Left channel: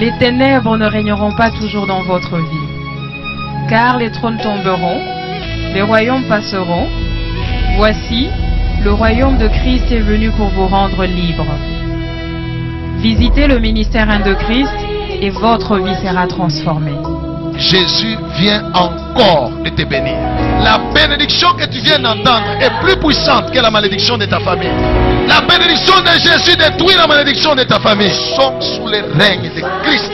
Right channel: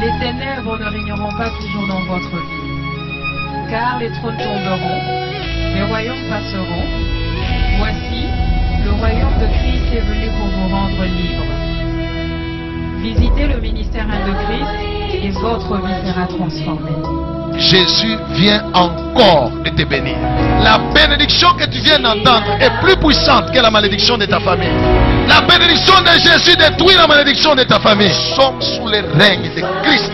Les ténèbres ne régneront pas toujours dans votre vie. Car les trônes tomberont, les royaumes passeront. Voici, le royaume de Christ est venu pour vous rendre libre. Visitez le ministère 1 de Christ et votre vie sera transformée. Jésus vient encore de te bénir. La bénédiction que tu viens d'entendre est plus puissante que la malédiction de ta famille. La bénédiction de Jésus détruit la malédiction de ta famille. Nous sommes sous le règne de Christ.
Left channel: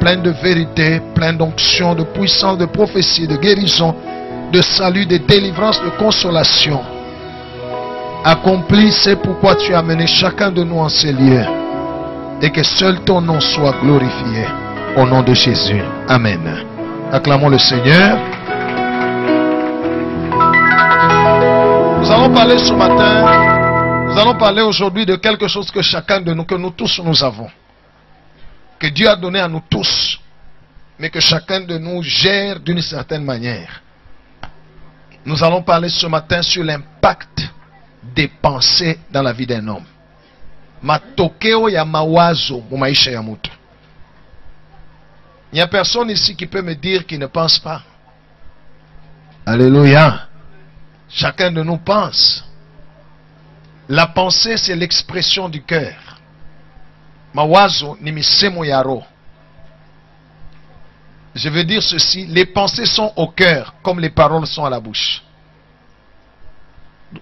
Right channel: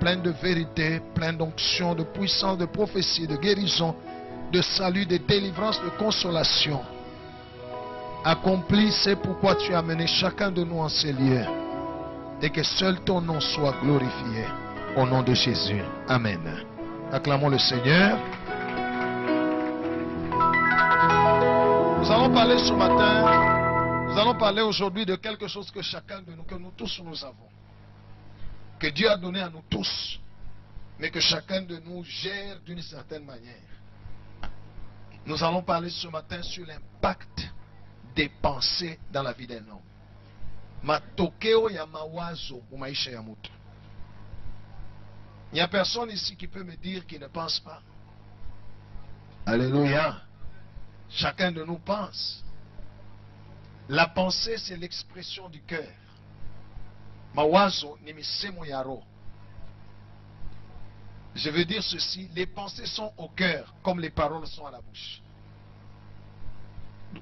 Plein de vérité, plein d'onction, de puissance, de prophétie, de guérison, de salut, de délivrance, de consolation. Accomplis, c'est pourquoi tu as amené chacun de nous en ces lieux. Et que seul ton nom soit glorifié. Au nom de Jésus. Amen. Acclamons le Seigneur. Nous allons parler ce matin, nous allons parler aujourd'hui de quelque chose que chacun de nous, que nous tous nous avons. Que Dieu a donné à nous tous, mais que chacun de nous gère d'une certaine manière. Nous allons parler ce matin sur l'impact des pensées dans la vie d'un homme. Matokeo ya mawazo mu maisha ya mtu. Il n'y a personne ici qui peut me dire qu'il ne pense pas. Alléluia. Chacun de nous pense. La pensée, c'est l'expression du cœur. Mawazo ni misemo ya roho. Je veux dire ceci, les pensées sont au cœur comme les paroles sont à la bouche.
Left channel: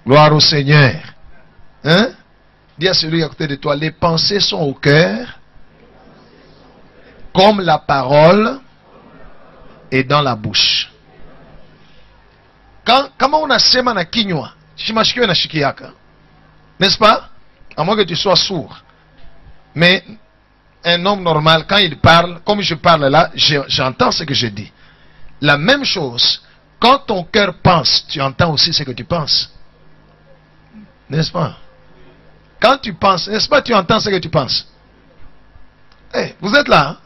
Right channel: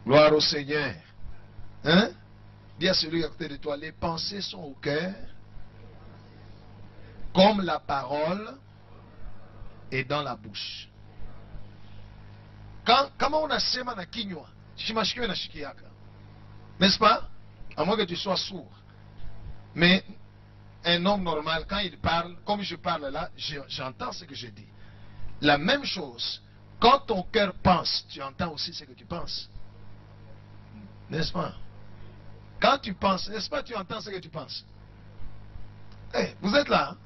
Gloire au Seigneur. Hein? Dis à celui à côté de toi, les pensées sont au cœur comme la parole est dans la bouche. Comment on a sema na kinywa, shimashikio na shikiaka. N'est-ce pas? À moins que tu sois sourd. Mais un homme normal, quand il parle, comme je parle là, j'entends ce que je dis. La même chose, quand ton cœur pense, tu entends aussi ce que tu penses. N'est-ce pas? Quand tu penses, n'est-ce pas, tu entends ce que tu penses. Hey, vous êtes là? Hein?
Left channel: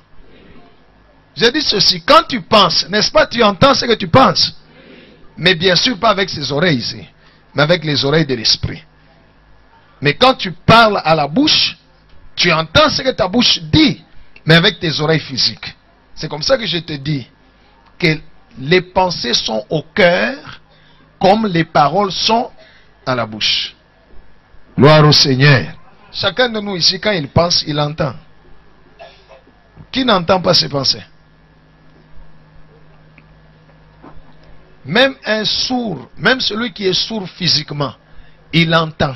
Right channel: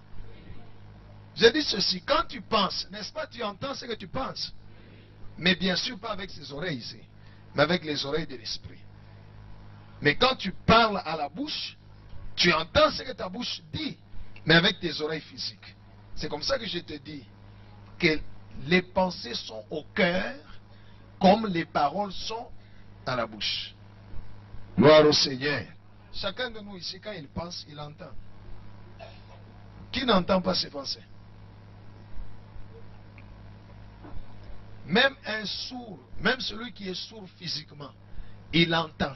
Je dis ceci, quand tu penses, n'est-ce pas, tu entends ce que tu penses. Mais bien sûr, pas avec ses oreilles ici, mais avec les oreilles de l'esprit. Mais quand tu parles à la bouche, tu entends ce que ta bouche dit, mais avec tes oreilles physiques. C'est comme ça que je te dis que les pensées sont au cœur comme les paroles sont à la bouche. Gloire au Seigneur. Chacun de nous ici, quand il pense, il entend. Qui n'entend pas ses pensées? Même un sourd, même celui qui est sourd physiquement, il entend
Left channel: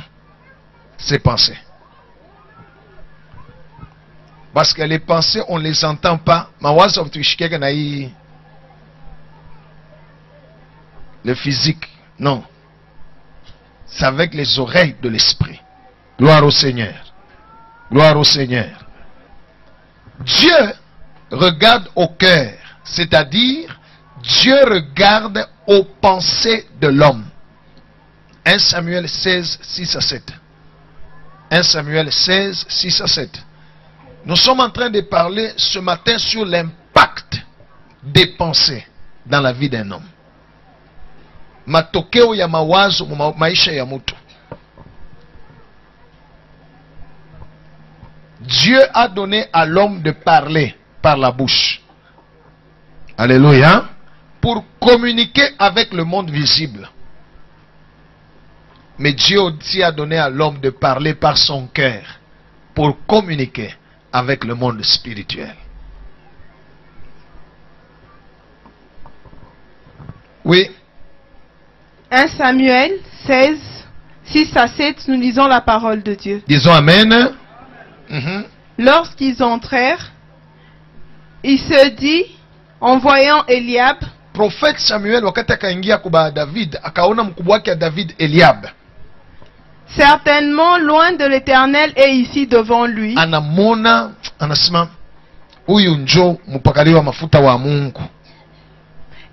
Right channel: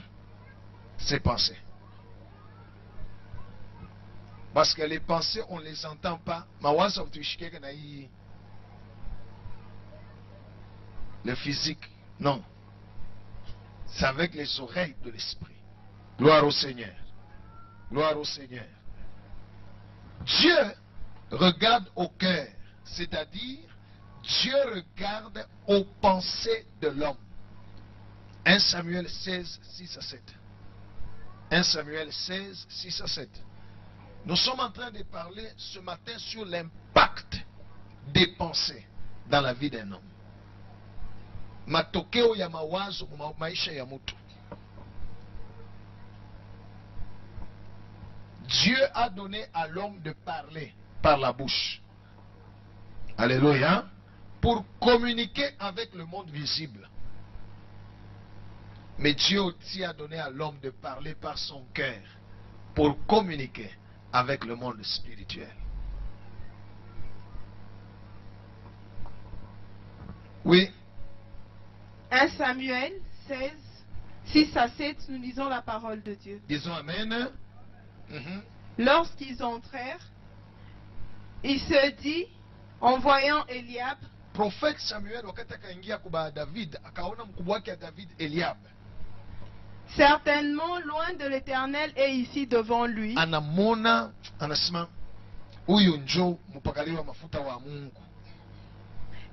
ses pensées. Parce que les pensées, on ne les entend pas. Le physique, non. C'est avec les oreilles de l'esprit. Gloire au Seigneur. Gloire au Seigneur. Dieu regarde au cœur. C'est-à-dire, Dieu regarde aux pensées de l'homme. 1 Samuel 16, 6 à 7. 1 Samuel 16, 6 à 7. Nous sommes en train de parler ce matin sur l'impact des pensées dans la vie d'un homme. Matokeo ya mawazo maisha ya mtu. Dieu a donné à l'homme de parler par la bouche. Alléluia. Pour communiquer avec le monde visible. Mais Dieu aussi a donné à l'homme de parler par son cœur. Pour communiquer avec le monde spirituel. Oui. 1 Samuel 16, 6 à 7, nous lisons la parole de Dieu. Disons Amen. Lorsqu'ils entrèrent, il se dit, en voyant Eliab, prophète Samuel wakati akaingia kwa David, akaona mkubwa wake David, Eliab. Certainement, loin de l'Éternel est ici devant lui. Anamona, anasema, huyu njo mpakaliwa mafuta wa Mungu.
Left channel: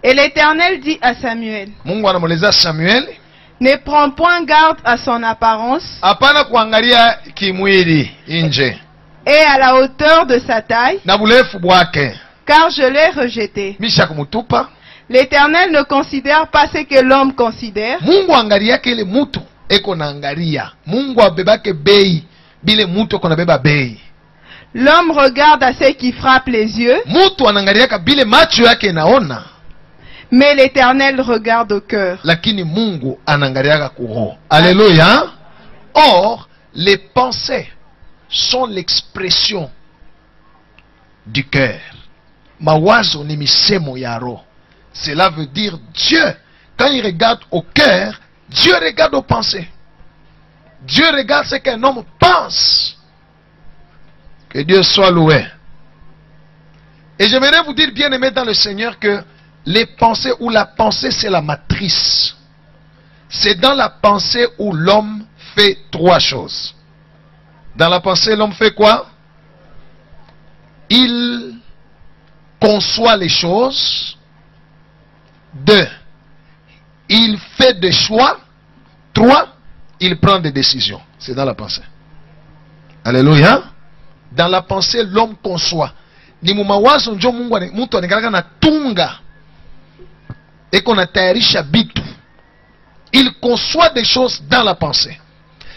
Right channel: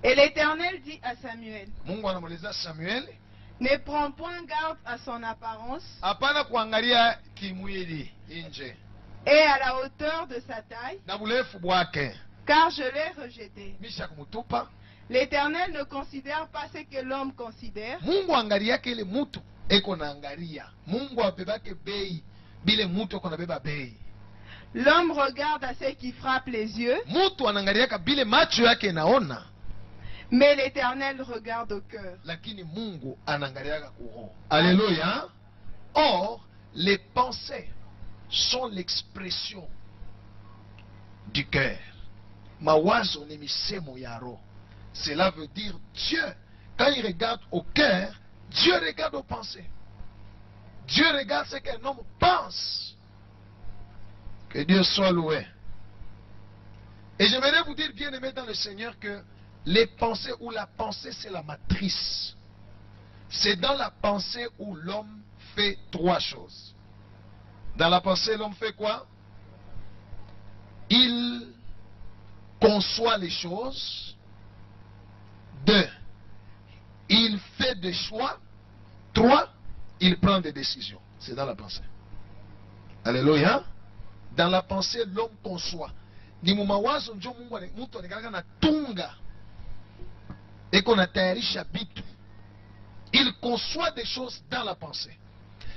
Et l'Éternel dit à Samuel, Mungu anamweleza Samuel, Ne prends point garde à son apparence Hapana kuangalia kimwili nje et à la hauteur de sa taille, na burefu bwake, car je l'ai rejeté. misha kumutupa. L'Éternel ne considère pas ce que l'homme considère, Mungu angalia kile mutu eko na angalia. Mungu abebake bei bile mutu eko na beba bei. l'homme regarde à ce qui frappe les yeux, Mutu anangaliaka bile macho yake naona, mais l'Éternel regarde au cœur. lakini Mungu anangaliaka kuroho. Alléluia. Or, les pensées sont l'expression du cœur. Mawazo ni misemo ya roho. Cela veut dire Dieu, quand il regarde au cœur, Dieu regarde aux pensées. Dieu regarde ce qu'un homme pense. Que Dieu soit loué. Et j'aimerais vous dire, bien aimé dans le Seigneur, que les pensées ou la pensée, c'est la matrice. C'est dans la pensée où l'homme fait trois choses. Dans la pensée, l'homme fait quoi? Il conçoit les choses. 2. Il fait des choix. 3. Il prend des décisions. C'est dans la pensée. Alléluia. Dans la pensée, l'homme conçoit. Ni mumawazo njo Mungu mtu anakalaka na tunga. Eko na tayarisha bitu. Il conçoit des choses dans la pensée.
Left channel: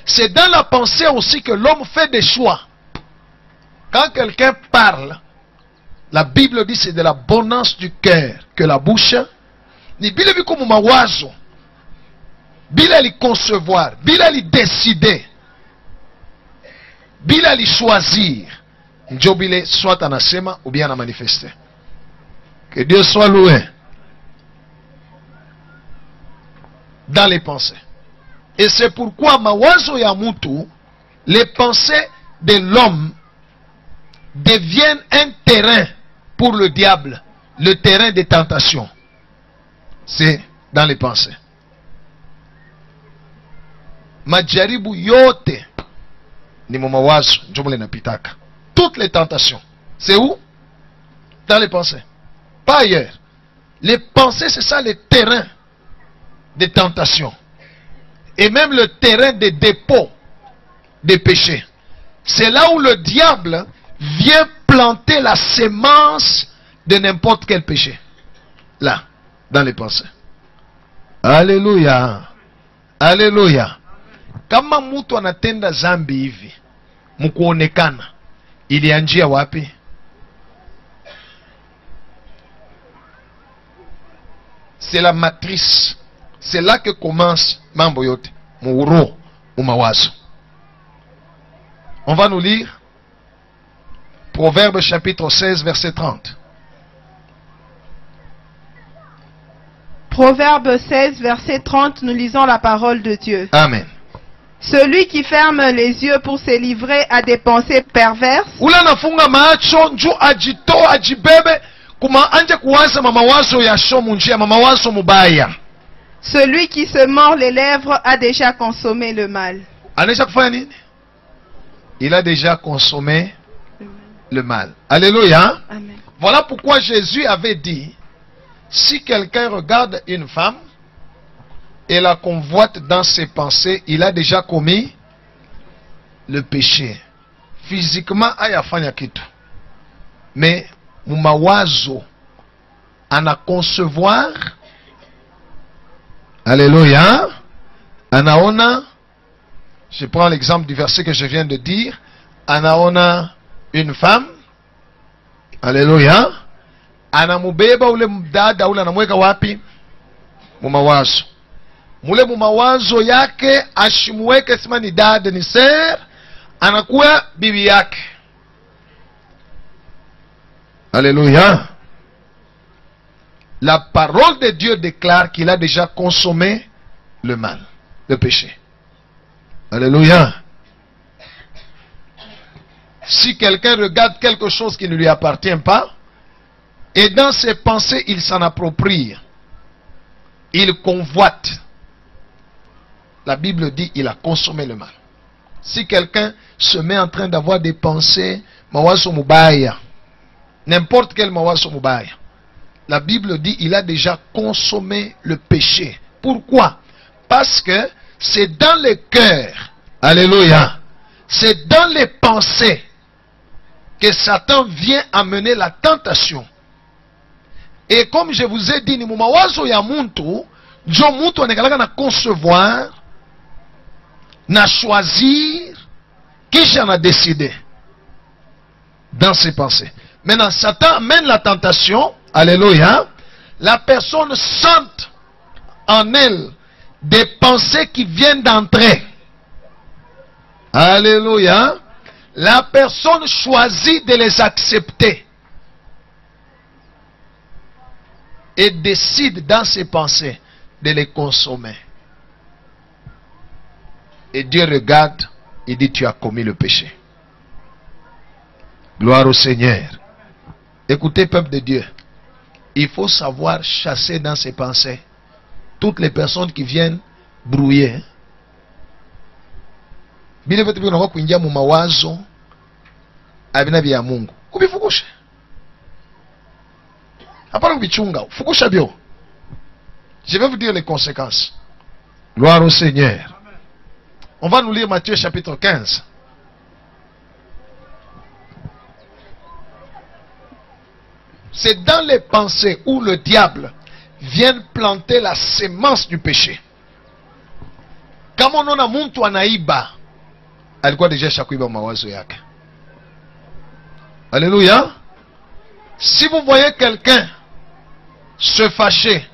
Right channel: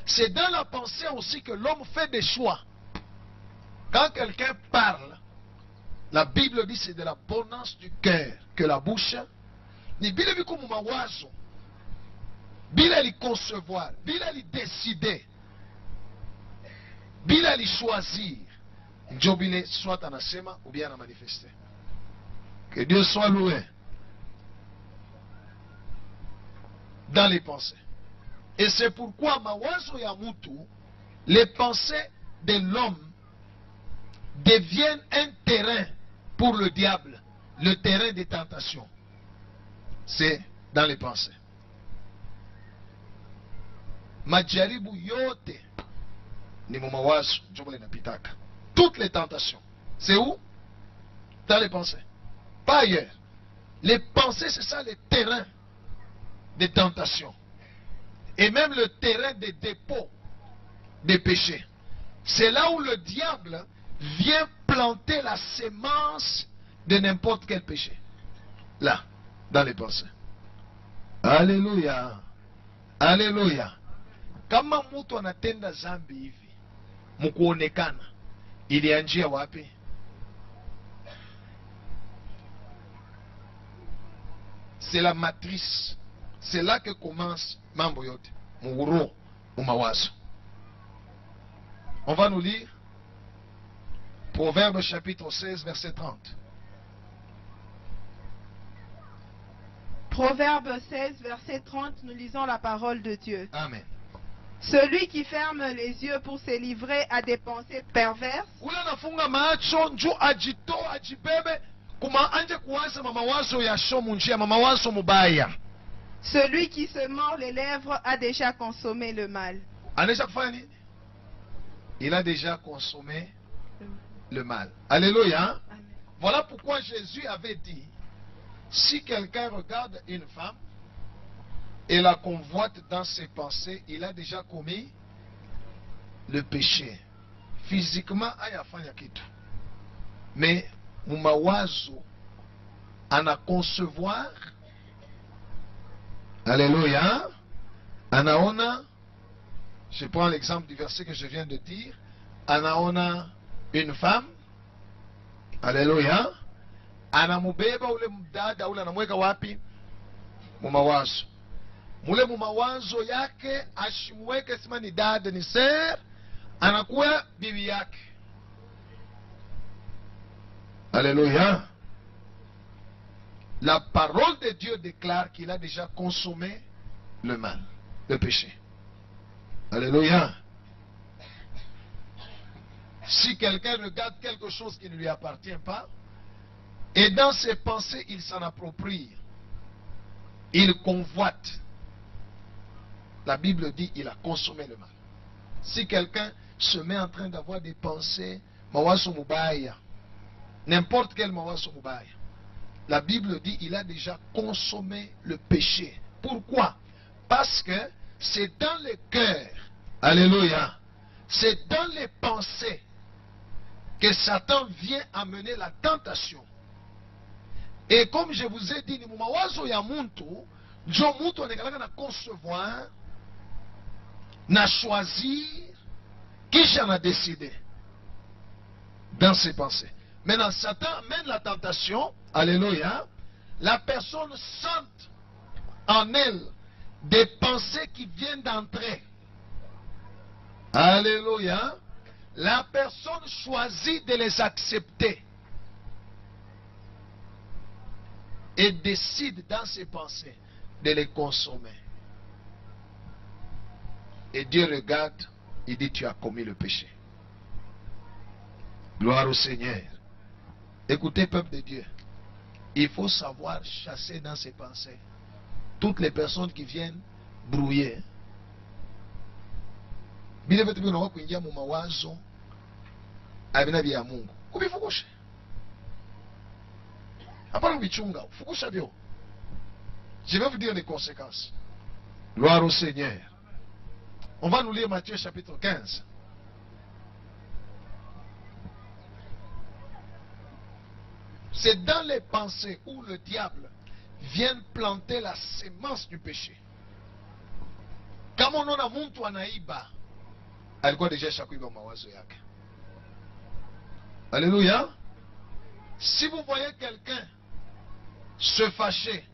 C'est dans la pensée aussi que l'homme fait des choix. Quand quelqu'un parle, la Bible dit c'est de l'abondance du cœur que la bouche. Ni bile biko mumawazo. Bila li concevoir, bila li décider, bila li choisir, njo bile soit anasema ou bien a manifester. Que Dieu soit loué. Dans les pensées. Et c'est pourquoi mawazo ya mutu, les pensées de l'homme deviennent un terrain pour le diable, le terrain des tentations. C'est dans les pensées. Majaribu yote ni mawazo njomole napitaka. Toutes les tentations, c'est où? Dans les pensées. Pas ailleurs. Les pensées, c'est ça le terrain des tentations. Et même le terrain des dépôts des péchés. C'est là où le diable vient planter la sémence de n'importe quel péché. Là, dans les pensées. Alléluia. Alléluia. Kama mtu anatenda zambi hivi, mkuonekana, ilianjia wapi? C'est la matrice. C'est là que commence mambo yote. Muuro, umawazo. On va nous lire Proverbe chapitre 16, verset 30. Proverbe 16, verset 30, nous lisons la parole de Dieu. Amen. Celui qui ferme les yeux pour se livrer à des pensées perverses Ula nafunga macho nju ajito ajibebe kuma anje kuwaza mamawazo ya shomu njia mamawazo mubaya. celui qui se mord les lèvres a déjà consommé le mal. Anesha kufanya nini? Il a déjà consommé le mal. Alléluia. Amen. Voilà pourquoi Jésus avait dit, si quelqu'un regarde une femme et la convoite dans ses pensées, il a déjà commis le péché. Physiquement, ayafanya kitu. Mais mumawazo ana concevoir. Alléluia. Anaona, je prends l'exemple du verset que je viens de dire. Anaona une femme. Alléluia. Anamubeba ule mdada ule anamweka wapi? Mumawazo. Mule mumawazo yake ashimweke sima ni dada ni ser, anakuwa bibi yake. Alléluia. La parole de Dieu déclare qu'il a déjà consommé le mal, le péché. Alléluia. Si quelqu'un regarde quelque chose qui ne lui appartient pas, et dans ses pensées, il s'en approprie, il convoite. La Bible dit il a consommé le mal. Si quelqu'un se met en train d'avoir des pensées, mawazo mubaya, n'importe quel mawazo mubaya, la Bible dit il a déjà consommé le péché. Pourquoi? Parce que c'est dans le cœur, alléluia, c'est dans les pensées que Satan vient amener la tentation. Et comme je vous ai dit, ni mumawazo ya muntu, jo muntu anekalaka na concevoir, na choisir, kisha na décider dans ses pensées. Maintenant, Satan amène la tentation, alléluia, la personne sente en elle des pensées qui viennent d'entrer. Alléluia. La personne choisit de les accepter et décide dans ses pensées de les consommer. Et Dieu regarde et dit: tu as commis le péché. Gloire au Seigneur. Écoutez, peuple de Dieu, il faut savoir chasser dans ses pensées toutes les personnes qui viennent brouiller. Bile vitu vinakuwa kuingia mu mawazo abina vya Mungu, ubifukushe. Hapana kubichunga, fukusha bio. Je vais vous dire les conséquences. Gloire au Seigneur. On va nous lire Matthieu chapitre 15. C'est dans les pensées où le diable vient planter la semence du péché. Kama unaona muntu anaiba, alikuwa deja shakuiba mawazo yake. Alléluia. Si vous voyez quelqu'un se fâcher,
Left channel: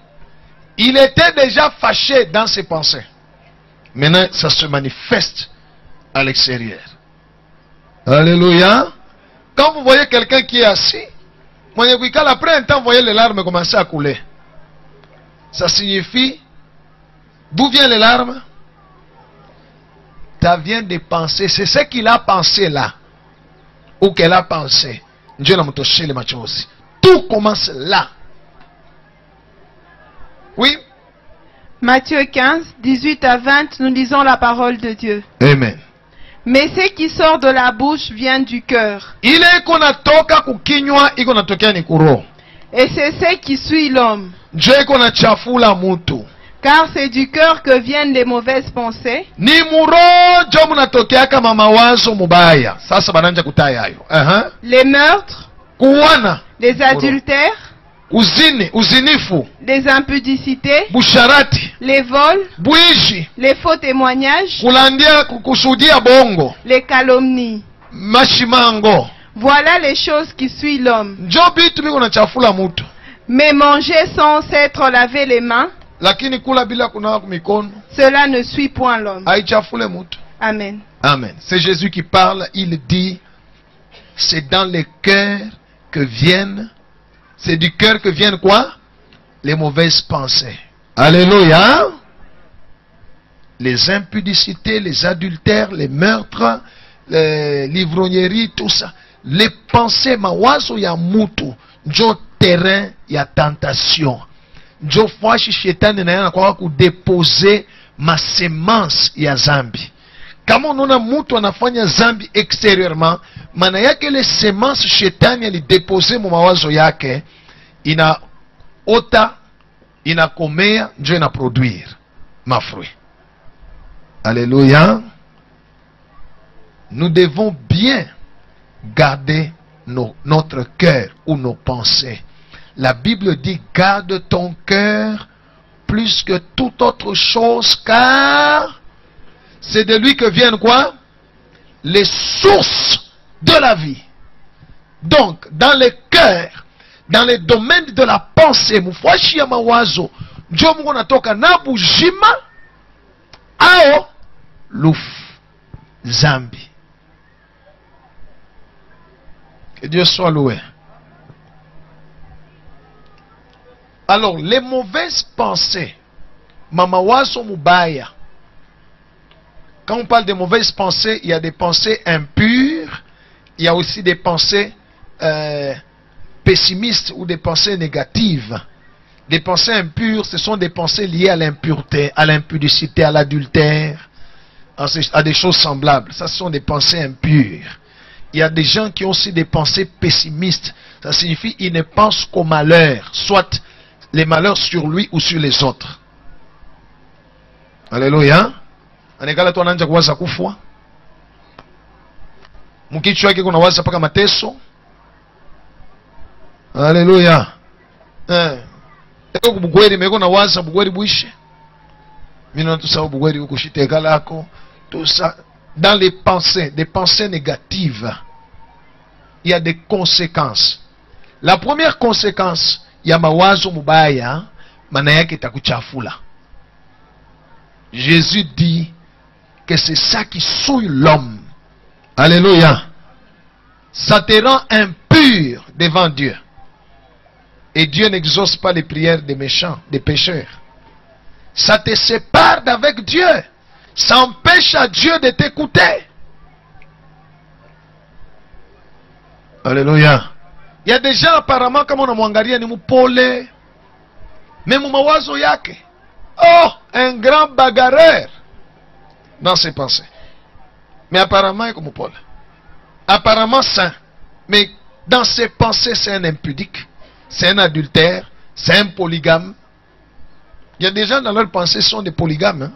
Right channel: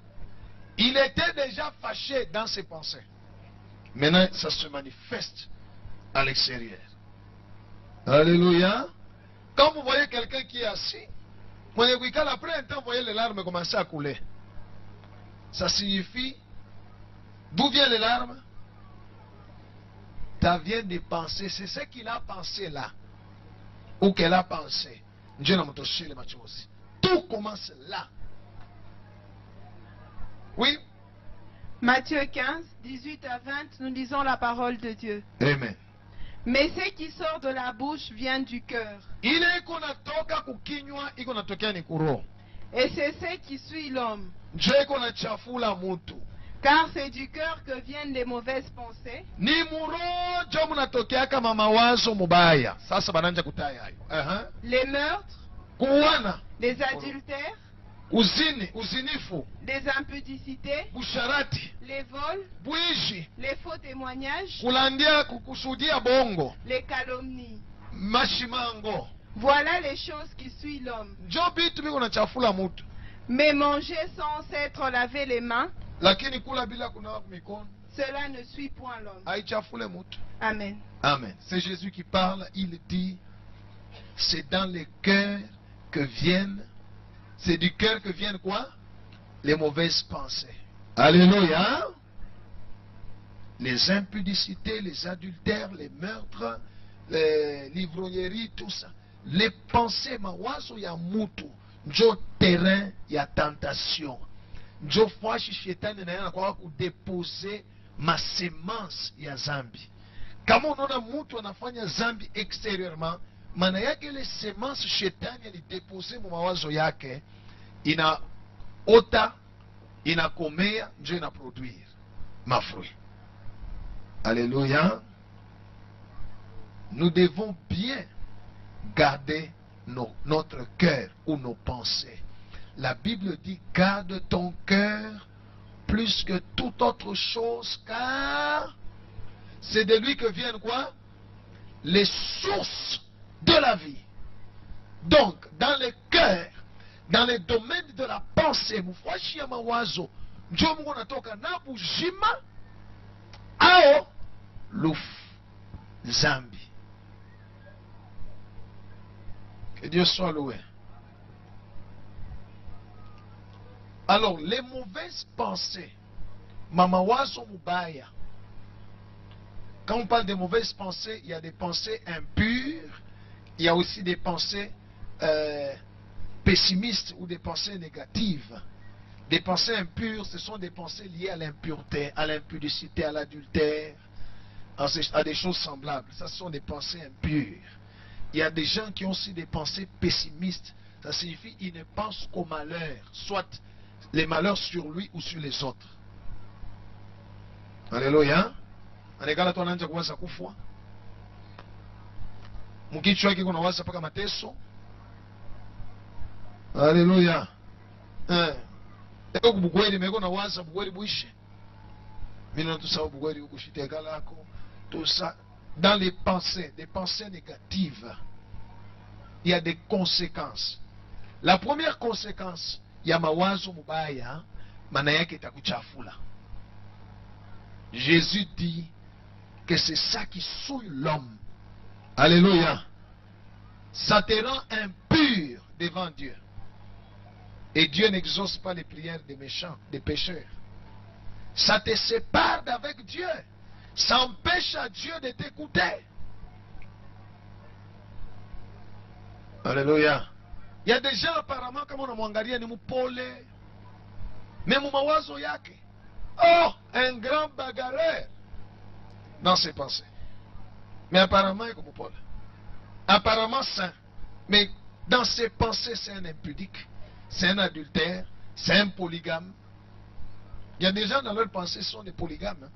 il était déjà fâché dans ses pensées. Maintenant, ça se manifeste à l'extérieur. Alléluia. Quand vous voyez quelqu'un qui est assis, après un temps, vous voyez les larmes commencer à couler. Ça signifie, d'où viennent les larmes? Ça vient de penser. C'est ce qu'il a pensé là, ou qu'elle a pensé. Dieu n'a pas touché les machosi. Tout commence là. Oui. Matthieu 15, 18 à 20, nous lisons la parole de Dieu. Amen. Mais ce qui sort de la bouche vient du cœur. Ile iko natoka kukinywa iko natokea ni kuro. Et c'est ce qui suit l'homme. Dieu iko na chafula mutu. Car c'est du cœur que viennent les mauvaises pensées. Ni murojo munatokea kama mawazo mubaya. Sasa bananja kutaya hayo. Les meurtres. Kuwana. Les adultères. Uzinifu. Les impudicités. Busharati. Les vols. Bwishi. Les faux témoignages. Kulandia kusudia bongo. Les calomnies. Mashimango. Voilà les choses qui suivent l'homme. Jobitu biko na chafula mutu. Mais manger sans s'être lavé les mains, lakini kula bila kunawa mikono, cela ne suit point l'homme. Haichafule mutu. Amen. Amen. C'est Jésus qui parle. Il dit, c'est dans les cœurs que viennent, c'est du cœur que viennent quoi? Les mauvaises pensées. Alléluia. Les impudicités, les adultères, les meurtres, les livrogneries, tout ça. Les pensées mawazo ya mutu, njo terrain ya tentation. Njo fwashi shetani na yana kwa kudeposer ma semence ya zambi. Kama unaona mtu anafanya zambi extérieurement, maana yake ile semence shetani alidepose mu mawazo yake inaota, inakomea, njo inaproduire mafruit. Alléluia. Nous devons bien garder notre cœur ou nos pensées. La Bible dit: garde ton cœur plus que toute autre chose, car c'est de lui que viennent quoi? Les sources de la vie. Donc, dans le cœur, dans les domaines de la pensée, mufwashi ya mawazo, njo Mungu natoka na bujima ao lufu zambi. Que Dieu soit loué. Alors, les mauvaises pensées, mamawazo mubaya. Quand on parle de mauvaises pensées, il y a des pensées impures, il y a aussi des pensées pessimistes ou des pensées négatives. Des pensées impures, ce sont des pensées liées à l'impureté, à l'impudicité, à l'adultère, à des choses semblables. Ça, ce sont des pensées impures. Il y a des gens qui ont aussi des pensées pessimistes. Ça signifie qu'ils ne pensent qu'au malheur, soit les malheurs sur lui ou sur les autres. Alléluia. Anekala tu anaanza kuwaza kufwa. Mkichwa yake kuna waza paka mateso. Alléluia. Eko kubugweri meko na waza bugweri buishe. Mino tout ça bugweri ukushiteka lako. Tout ça dans les pensées, des pensées négatives. Il y a des conséquences. La première conséquence, ya mawazo mubaya, maana yake itakuchafula. Jésus dit que c'est ça qui souille l'homme. Alléluia. Ça te rend impur devant Dieu. Et Dieu n'exauce pas les prières des méchants, des pécheurs. Ça te sépare d'avec Dieu. Ça empêche à Dieu de t'écouter. Alléluia. Il y a des gens apparemment comme on a mwangalia ni mupole. Même mawazo yake. Oh, un grand bagarreur dans ses pensées. Mais apparemment il est comme Paul. Apparemment saint. Mais dans ses pensées c'est un impudique. C'est un adultère. C'est un polygame. Il y a des gens dans leurs pensées sont des polygames. Hein?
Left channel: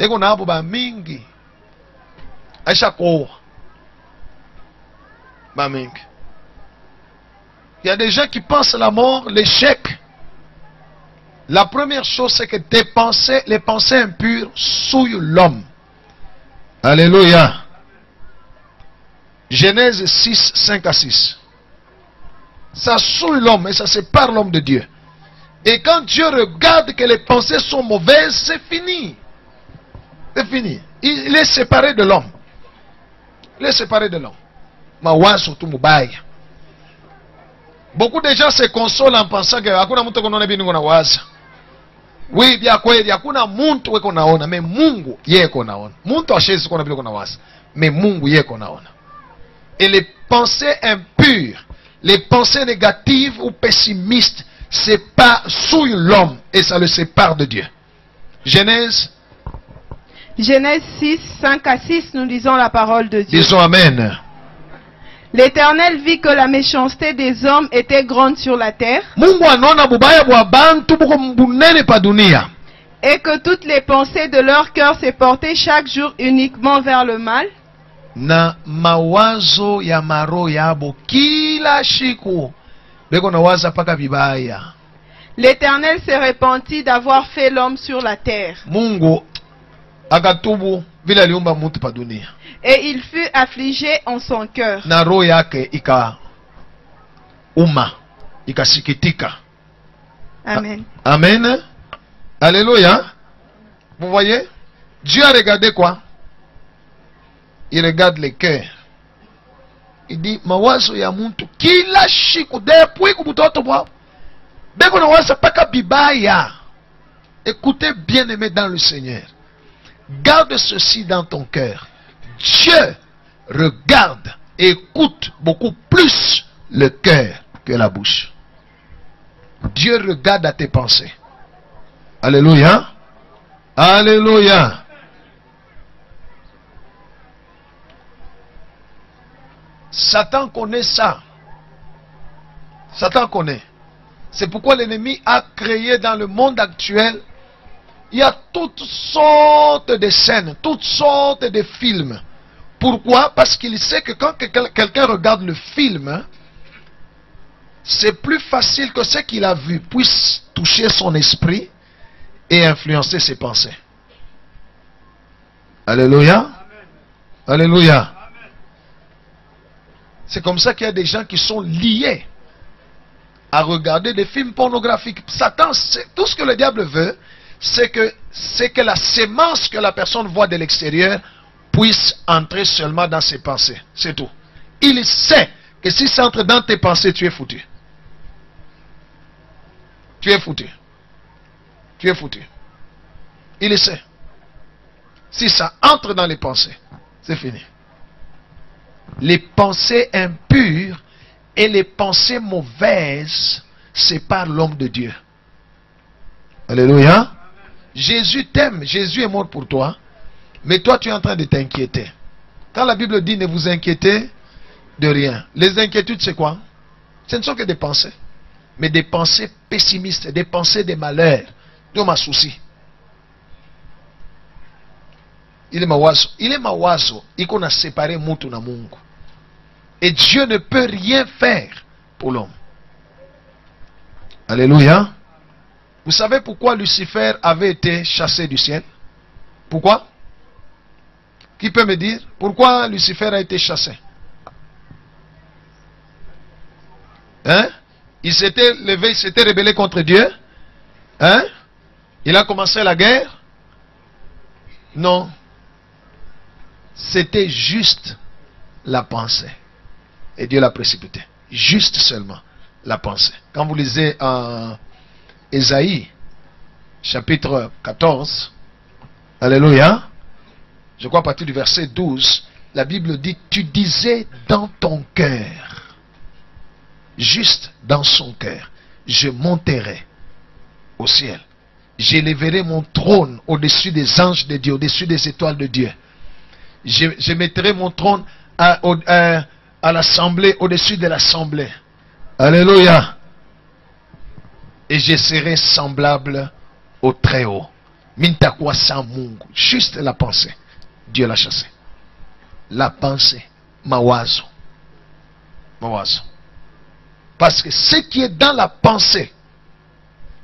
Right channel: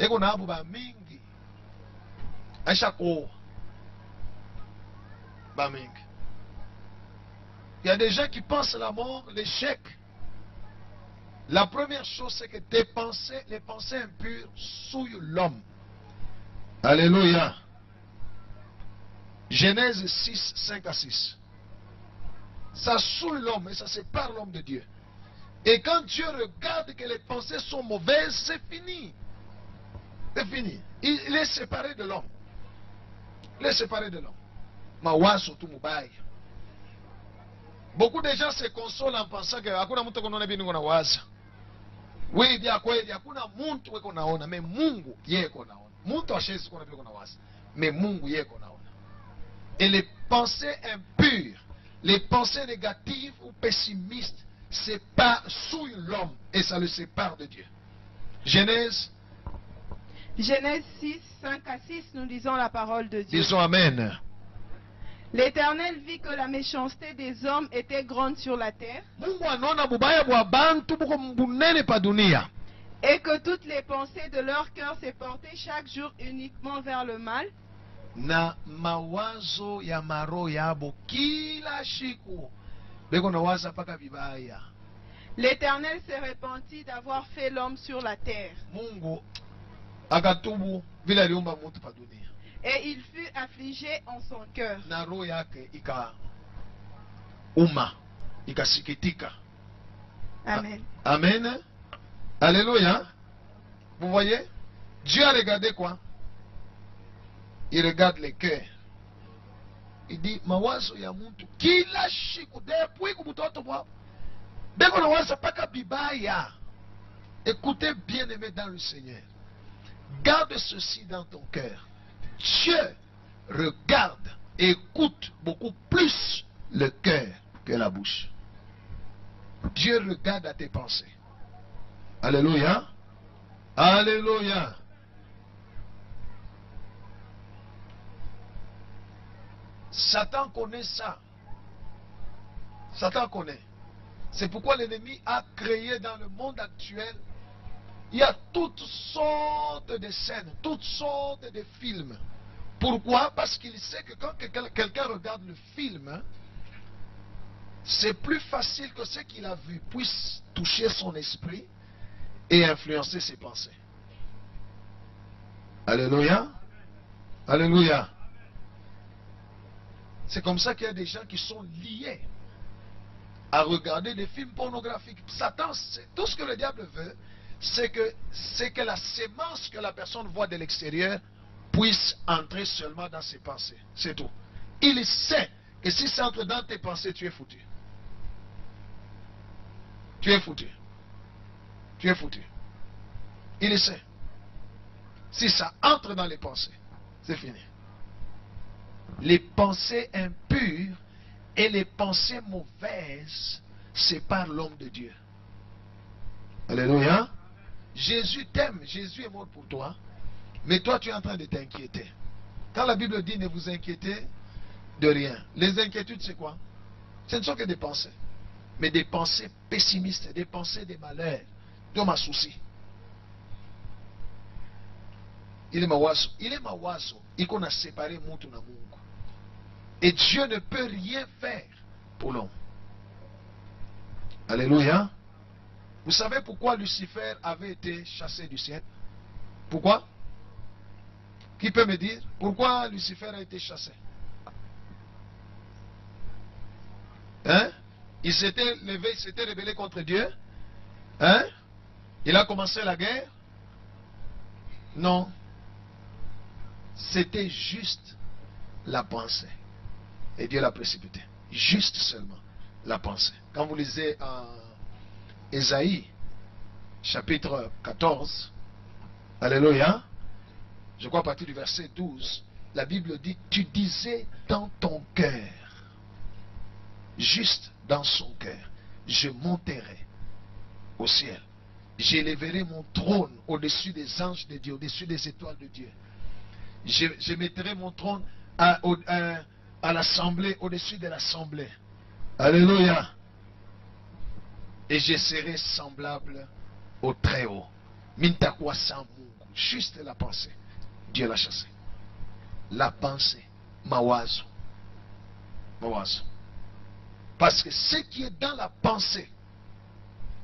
Et qu'on a un mingi. À chaque fois. Il y a des gens qui pensent la mort, l'échec. La première chose, c'est que tes pensées, les pensées impures, souillent l'homme. Alléluia. Genèse 6, 5 à 6. Ça souille l'homme et ça sépare l'homme de Dieu. Et quand Dieu regarde que les pensées sont mauvaises, c'est fini. C'est fini. Il est séparé de l'homme. Il est séparé de l'homme. Mawazo tu mubaya. Beaucoup de gens se consolent en pensant que hakuna mtu konaona bini kuna waza. Oui, bia kweli hakuna mtu weko naona, mais Mungu yeko naona. Mtu ashezi kona bila kuna waza, mais Mungu yeko naona. Et les pensées impures, les pensées négatives ou pessimistes souillent l'homme et ça le sépare de Dieu. Genèse 6, 5 à 6, nous lisons la parole de Dieu. Disons Amen. L'Éternel vit que la méchanceté des hommes était grande sur la terre, et que toutes les pensées de leur cœur se portaient chaque jour uniquement vers le mal. Na mawazo ya maro yabo kila shiku beko na waza paka bibaya. L'Éternel se repentit d'avoir fait l'homme sur la terre. Mungu akatubu vile aliumba mtu pa dunia. Et il fut affligé en son cœur. Na roho yake ikasikitika. Amen. Amen. Alléluia. Vous voyez? Dieu a regardé quoi? Il regarde le cœur. Il dit mawazo ya muntu kila shiku depuis kubutoto bwa. Beko na waza paka bibaya. Écoutez bien-aimé dans le Seigneur. Garde ceci dans ton cœur. Dieu regarde et écoute beaucoup plus le cœur que la bouche. Dieu regarde à tes pensées. Alléluia. Alléluia. Satan connaît ça. Satan connaît. C'est pourquoi l'ennemi a créé dans le monde actuel, il y a toutes sortes de scènes, toutes sortes de films. Pourquoi? Parce qu'il sait que quand quelqu'un regarde le film, c'est plus facile que ce qu'il a vu puisse toucher son esprit et influencer ses pensées. Alléluia. Alléluia. C'est comme ça qu'il y a des gens qui sont liés à regarder des films pornographiques. Satan, tout ce que le diable veut, c'est que la sémence que la personne voit de l'extérieur puisse entrer seulement dans ses pensées. C'est tout. Il sait que si ça entre dans tes pensées, tu es foutu. Tu es foutu. Tu es foutu. Il le sait. Si ça entre dans les pensées, c'est fini. Les pensées impures et les pensées mauvaises séparent l'homme de Dieu. Alléluia. Jésus t'aime, Jésus est mort pour toi, mais toi tu es en train de t'inquiéter. Quand la Bible dit ne vous inquiétez de rien, les inquiétudes c'est quoi? Ce ne sont que des pensées, mais des pensées pessimistes, des pensées de malheur, de ma souci. Il est mawazo. Il qu'on a séparé mutu na Mungu. Et Dieu ne peut rien faire pour l'homme. Alléluia. Vous savez pourquoi Lucifer avait été chassé du ciel? Pourquoi? Qui peut me dire pourquoi Lucifer a été chassé? Hein? Il s'était levé, il s'était rebellé contre Dieu? Hein? Il a commencé la guerre? Non. C'était juste la pensée. Et Dieu l'a précipité. Juste seulement la pensée. Quand vous lisez en Ésaïe, chapitre 14, alléluia, je crois à partir du verset 12, la Bible dit, tu disais dans ton cœur, juste dans son cœur, je monterai au ciel. J'élèverai mon trône au-dessus des anges de Dieu, au-dessus des étoiles de Dieu. Je mettrai mon trône à l'assemblée, au-dessus de l'assemblée. Alléluia. Et je serai semblable au Très-Haut. Mintakwa sans Mungu. Juste la pensée. Dieu l'a chassé. La pensée. Mawazo. Mawazo. Parce que ce qui est dans la pensée,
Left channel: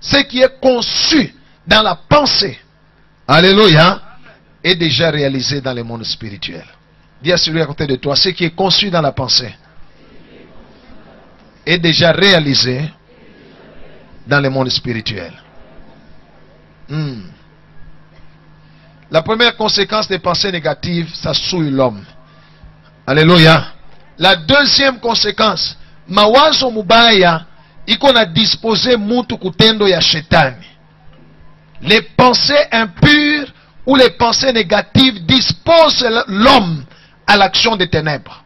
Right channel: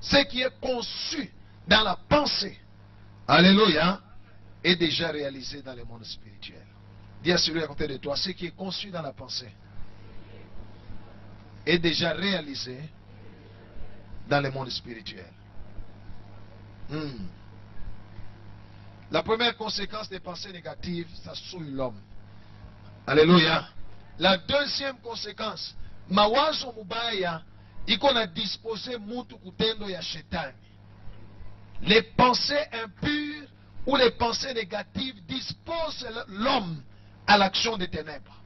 ce qui est conçu dans la pensée, alléluia, est déjà réalisé dans le monde spirituel. Dis à celui à côté de toi, ce qui est conçu dans la pensée est déjà réalisé dans le monde spirituel. La première conséquence des pensées négatives, ça souille l'homme. Alléluia. La deuxième conséquence, mawazo mubaya iko na disposé mutu kutendo ya shetani. Les pensées impures ou les pensées négatives disposent l'homme à l'action des ténèbres.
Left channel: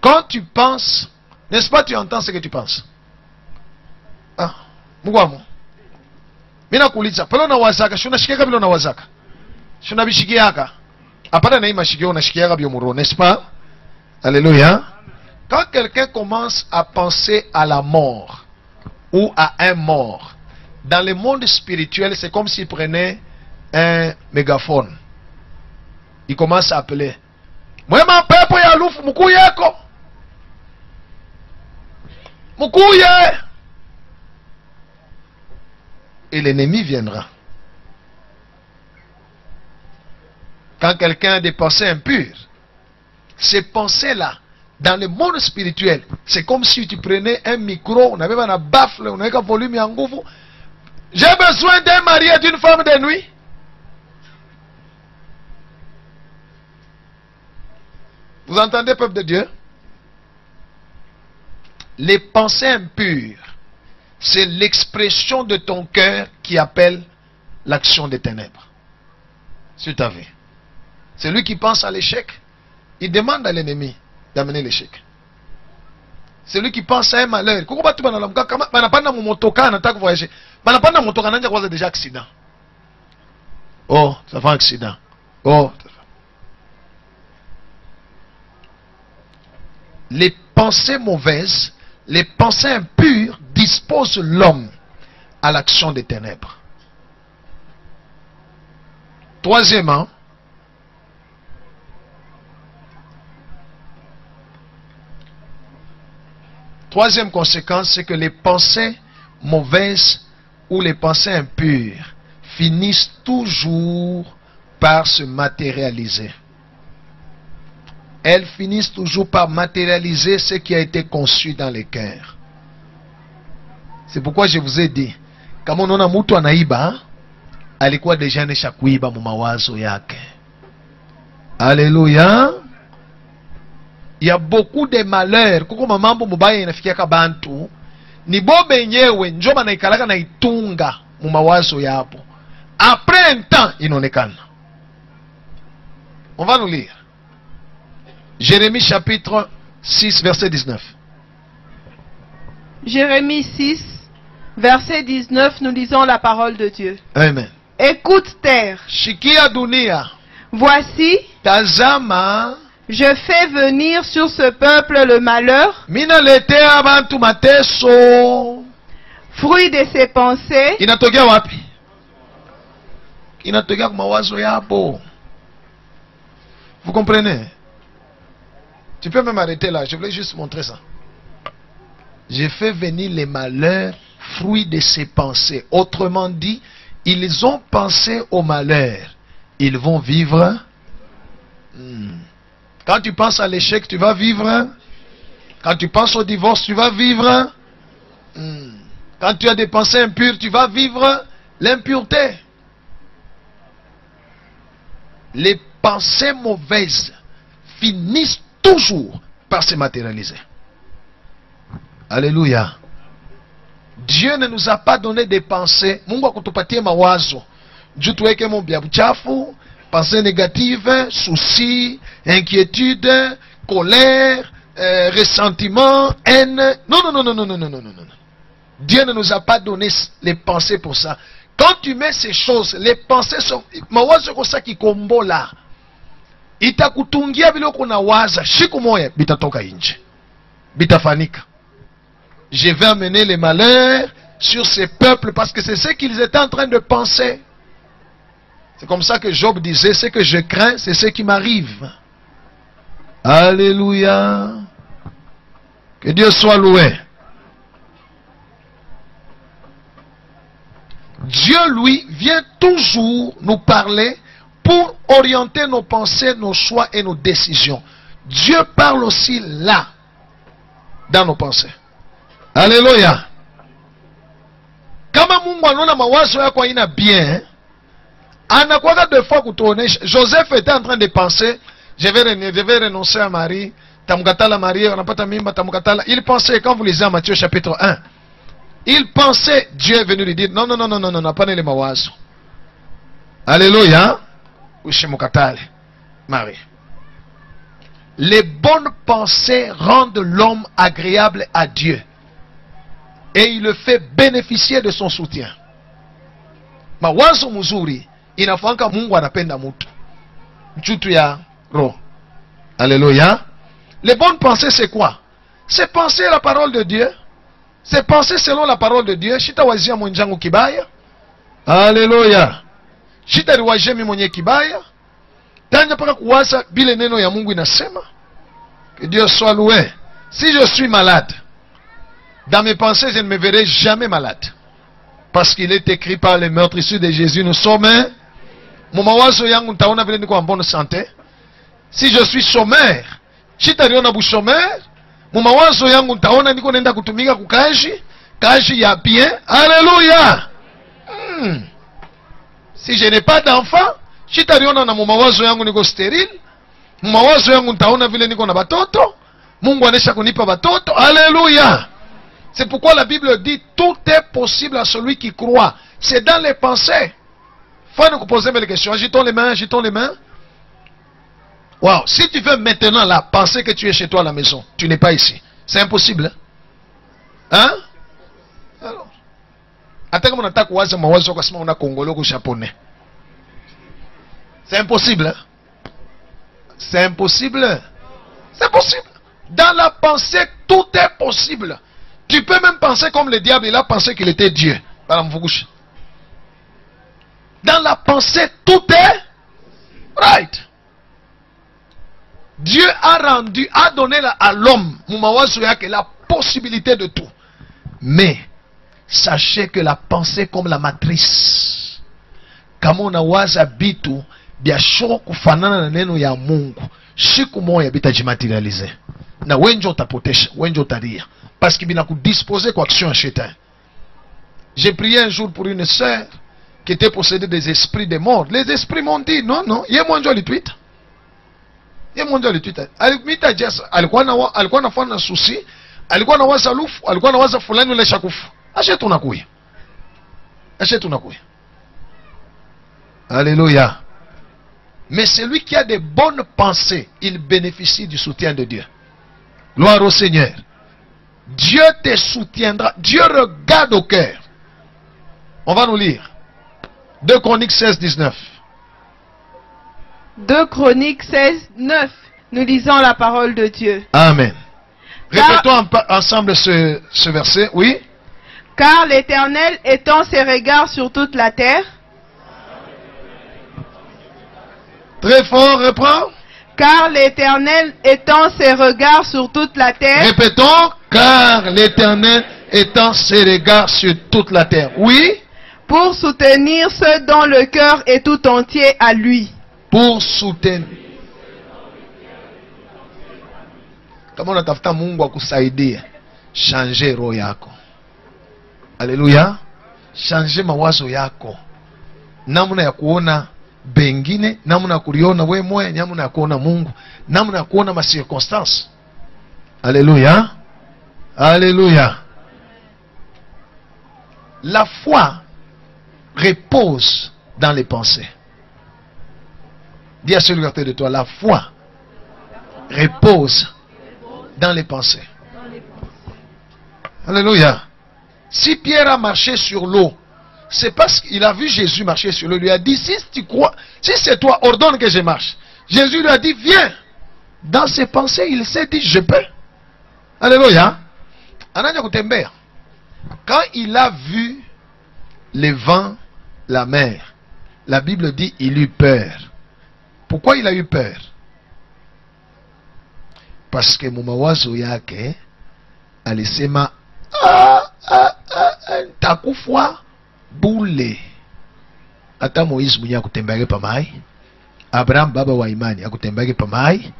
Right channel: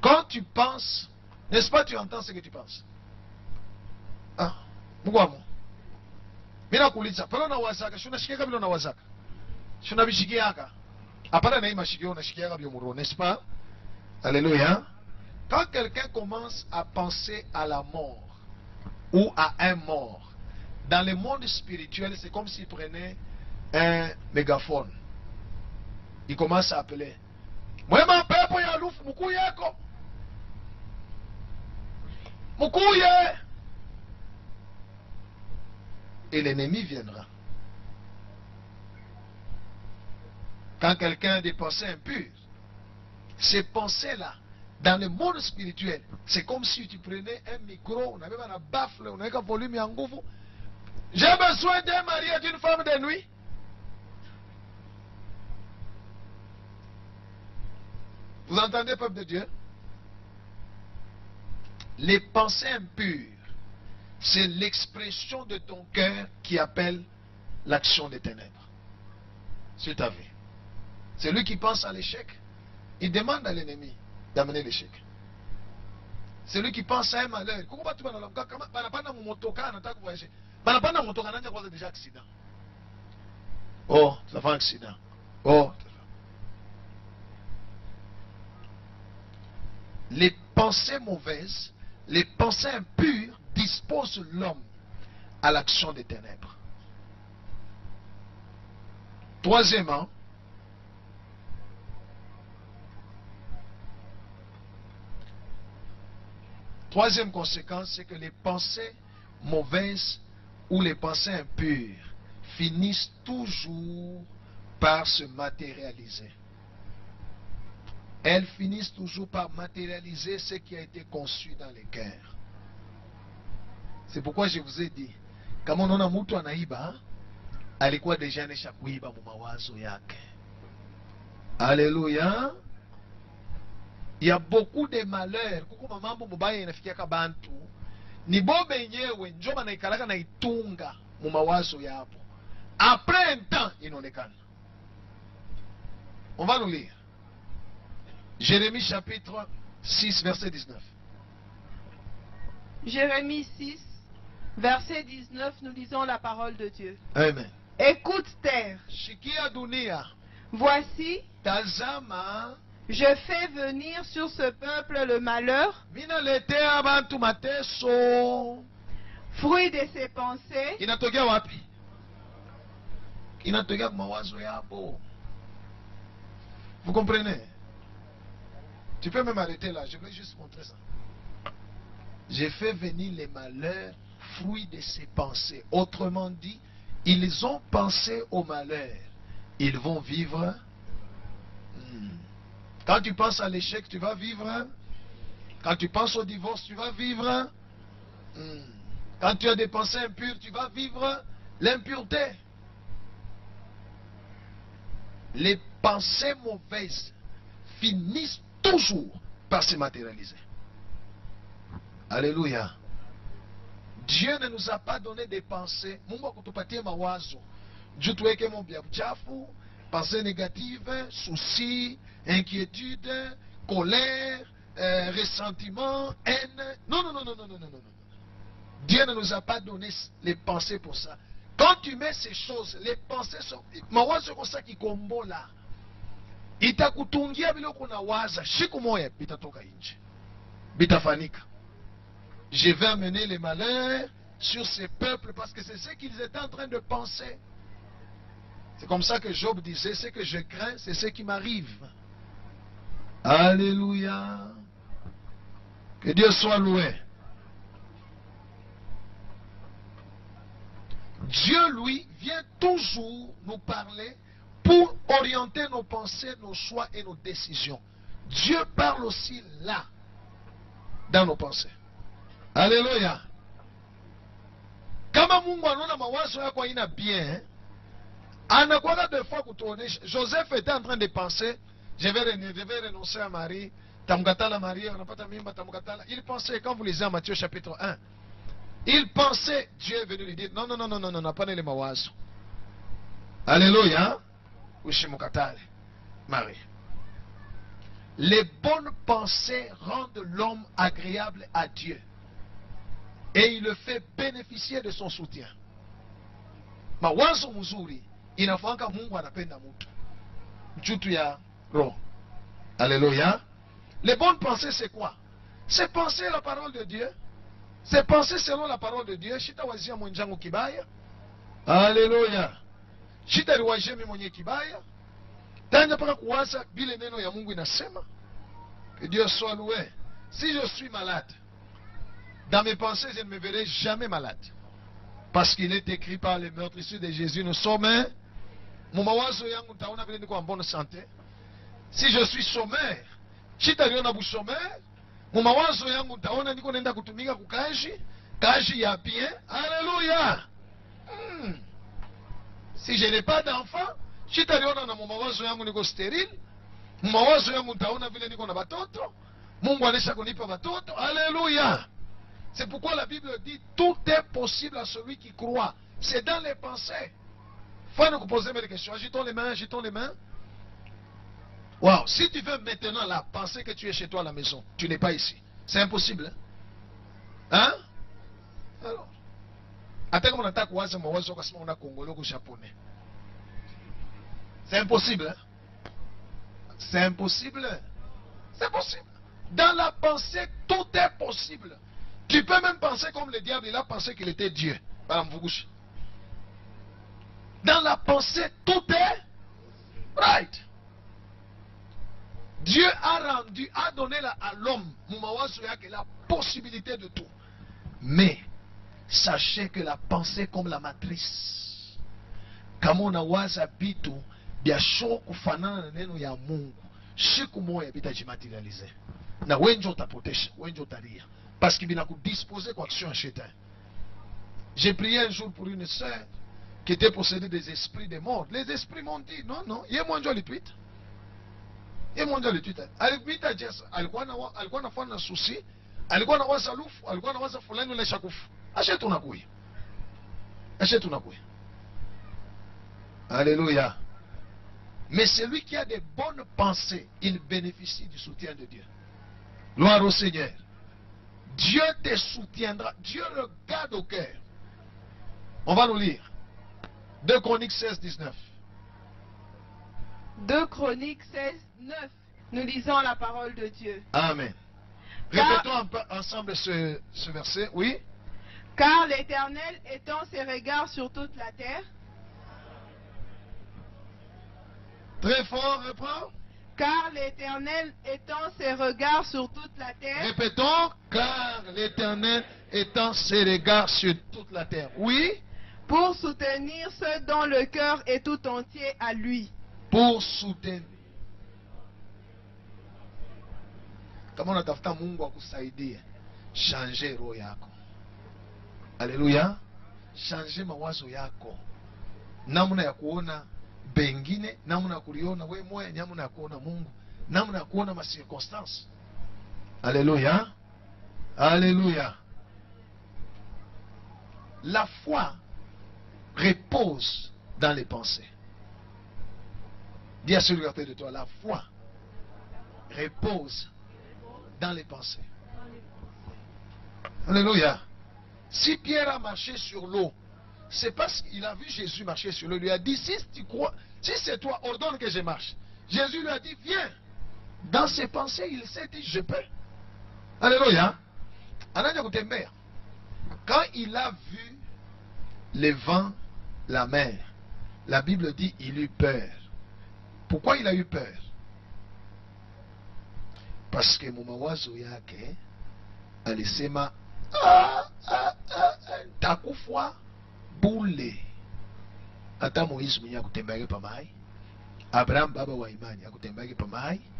Quand tu penses, n'est-ce pas, tu entends ce que tu penses? Ah, mugwamo. Mina kuuliza, pale unawazaka, unashikiaga vile unawazaka. Unabishikiaga. Hapana na hii mashikio unashikiaga biomuro, n'est-ce pas? Alléluia. Quand quelqu'un commence à penser à la mort ou à un mort, dans le monde spirituel, c'est comme s'il prenait un mégaphone. Il commence à appeler. Mwema pepo ya lufu mukuyeko. Mukuye. Et l'ennemi viendra. Quand quelqu'un a des pensées impures, ces pensées-là, dans le monde spirituel, c'est comme si tu prenais un micro, on avait un baffle, on avait un volume en nguvu. J'ai besoin d'un mari et d'une femme de nuit. Vous entendez, peuple de Dieu? Les pensées impures, c'est l'expression de ton cœur qui appelle l'action des ténèbres. Sur ta vie. Celui qui pense à l'échec, il demande à l'ennemi d'amener l'échec. Celui qui pense à un malheur, déjà accident. Oh, ça fait un accident. Oh. Les pensées mauvaises, les pensées impures disposent l'homme à l'action des ténèbres. Troisièmement, troisième conséquence, c'est que les pensées mauvaises ou les pensées impures finissent toujours par se matérialiser. Elles finissent toujours par matérialiser ce qui a été conçu dans les cœurs. C'est pourquoi je vous ai dit, kama unaona mtu anaiba, alikuwa deja anesha kuiba mu mawazo yake. Alléluia. Il y a beaucoup de malheurs. Kuko mamambo mubaya inafikia kabantu. Ni bobe nyewe njoma na ikalaka na itunga mu mawazo yapo. Après un temps, inaonekana. On va nous lire. Jérémie chapitre 6, verset 19. Jérémie 6, verset 19, nous lisons la parole de Dieu. Amen. Écoute terre. Shikia dunia. Voici, Tazama. je fais venir sur ce peuple le malheur, Mina lete abantu mateso. fruit de ses pensées, Inatokea wapi? Inatokea kwa mawazo yapo. Vous comprenez? Tu peux même arrêter là. Je voulais juste montrer ça. J'ai fait venir les malheurs, fruit de ses pensées. Autrement dit, ils ont pensé au malheur. Ils vont vivre. Quand tu penses à l'échec, tu vas vivre. Quand tu penses au divorce, tu vas vivre. Quand tu as des pensées impures, tu vas vivre l'impureté. Les pensées mauvaises finissent toujours par se matérialiser. Alléluia. Dieu ne nous a pas donné des pensées. Mungu akutupatie mawazo. Juu tuweke mambo ya uchafu, pensées négatives, soucis, inquiétudes, colère, ressentiment, haine. Non, non, non, non, non, non, non, non, non. Dieu ne nous a pas donné les pensées pour ça. Quand tu mets ces choses, les pensées sont... Mawazo kosa kikombo là. Itakutungia vile uko na waza. Siku moja bitatoka nje. Bitafanika. Je vais amener les malheurs sur ces peuples parce que c'est ce qu'ils étaient en train de penser. C'est comme ça que Job disait, ce que je crains, c'est ce qui m'arrive. Alléluia. Que Dieu soit loué. Dieu, lui, vient toujours nous parler pour orienter nos pensées, nos choix et nos décisions. Dieu parle aussi là, dans nos pensées. Alléluia. Kama Mungu anaona mawazo yako haina bien, anakuwa deux fois kutuonesha. Joseph était en train de penser, je vais renoncer à Marie, tamukatala Marie, anapata mimba, tamukatala. Il pensait, quand vous lisez en Matthieu chapitre 1, il pensait, Dieu est venu lui dire, non, non, non, non, non, non, non, pas les mawazo. Alléluia. Ushimukatale Marie. Les bonnes pensées rendent l'homme agréable à Dieu. Et il le fait bénéficier de son soutien. Mawazo mzuri inafanya Mungu anapenda mtu. Mchutu ya roho. Alléluia. Les bonnes pensées c'est quoi? C'est penser la parole de Dieu. C'est penser selon la parole de Dieu. Shita wazia mwenjangu kibaya. Alléluia. Shita riwajia mimi mwenye kibaya. Tanja paka kuwaza bile neno ya Mungu inasema. Que Dieu soit loué. Si je suis malade, dans mes pensées, je ne me verrai jamais malade. Parce qu'il est écrit par les meurtrissures de Jésus, nous sommes. Mon mawazo yangu ntaona vile niko en bonne santé. Si je suis chômeur, chitariona bu chômeur, mon mawazo yangu ntaona niko nenda kutumika kukaji, kaji ya bien. Alléluia. Si je n'ai pas d'enfant, chitariona na mon mawazo yangu niko stérile. Mon mawazo yangu ntaona vile niko na batoto. Mungu anesha kunipa batoto. Alléluia. C'est pourquoi la Bible dit tout est possible à celui qui croit. C'est dans les pensées. Faut nous poser les questions. Agitons les mains, agitons les mains. Wow. Si tu veux maintenant là penser que tu es chez toi à la maison, tu n'es pas ici. C'est impossible. Hein? Alors. Attends comme on attaque waza mawazo kwa sema una congolais ou japonais. C'est impossible. Hein? C'est impossible. C'est possible. Dans la pensée, tout est possible. Tu peux même penser comme le diable, il a pensé qu'il était Dieu. Dans la pensée, tout est right. Dieu a donné à l'homme, la possibilité de tout. Mais, sachez que la pensée comme la matrice. Kama unawaza bitu, biashara kufanana na neno ya Mungu. Siku moja bitajimaterialize. Na wenjo utapotesha, wenjo utaria. Parce qu'il vient disposer quoi action à Chétain. J'ai prié un jour pour une sœur qui était possédée des esprits de mort. Les esprits m'ont dit, non, non, il y a mon Dieu le tweet. Il y a mon Dieu le tweet. Alikuwa nafanya susi, alikuwa na waza lufu, alikuwa na waza fulani ule shakufu. Achète unakuya. Achète unakuya. Alléluia. Mais celui qui a des bonnes pensées, il bénéficie du soutien de Dieu. Gloire au Seigneur. Dieu te soutiendra. Dieu regarde au cœur. On va nous lire. 2 Chroniques 16, 19. 2 Chroniques 16, 9. Nous lisons la parole de Dieu. Amen. Répétons ensemble ce verset. Oui. Car l'Éternel étend ses regards sur toute la terre. Très fort, reprends. Car l'Éternel étend ses regards sur toute la terre. Répétons, car l'Éternel étend ses regards sur toute la terre. Oui. Pour soutenir ceux dont le cœur est tout entier à lui. Pour soutenir. Kama unatafuta Mungu akusaidie, changer roho yako. Haleluya. Changer mawazo yako. Namna ya kuona bengine, namna ya kuliona wewe moyo, namna ya kuona Mungu, namna ya kuona ma circonstances. Alléluia. Alléluia. La foi repose dans les pensées. Dis à celui à côté de toi, la foi repose dans les pensées. Alléluia. Si Pierre a marché sur l'eau, c'est parce qu'il a vu Jésus marcher sur l'eau. Il lui a dit, si tu crois, si c'est toi, ordonne que je marche. Jésus lui a dit, viens. Dans ses pensées, il s'est dit, je peux. Alléluia. Quand il a vu les vents, la mer, la Bible dit, il eut peur. Pourquoi il a eu peur? Parce que mu mawazo yake alisema takufa bule. Hata Moïse mwenye akutembea pa mai, Abraham baba wa imani akutembea pa mai,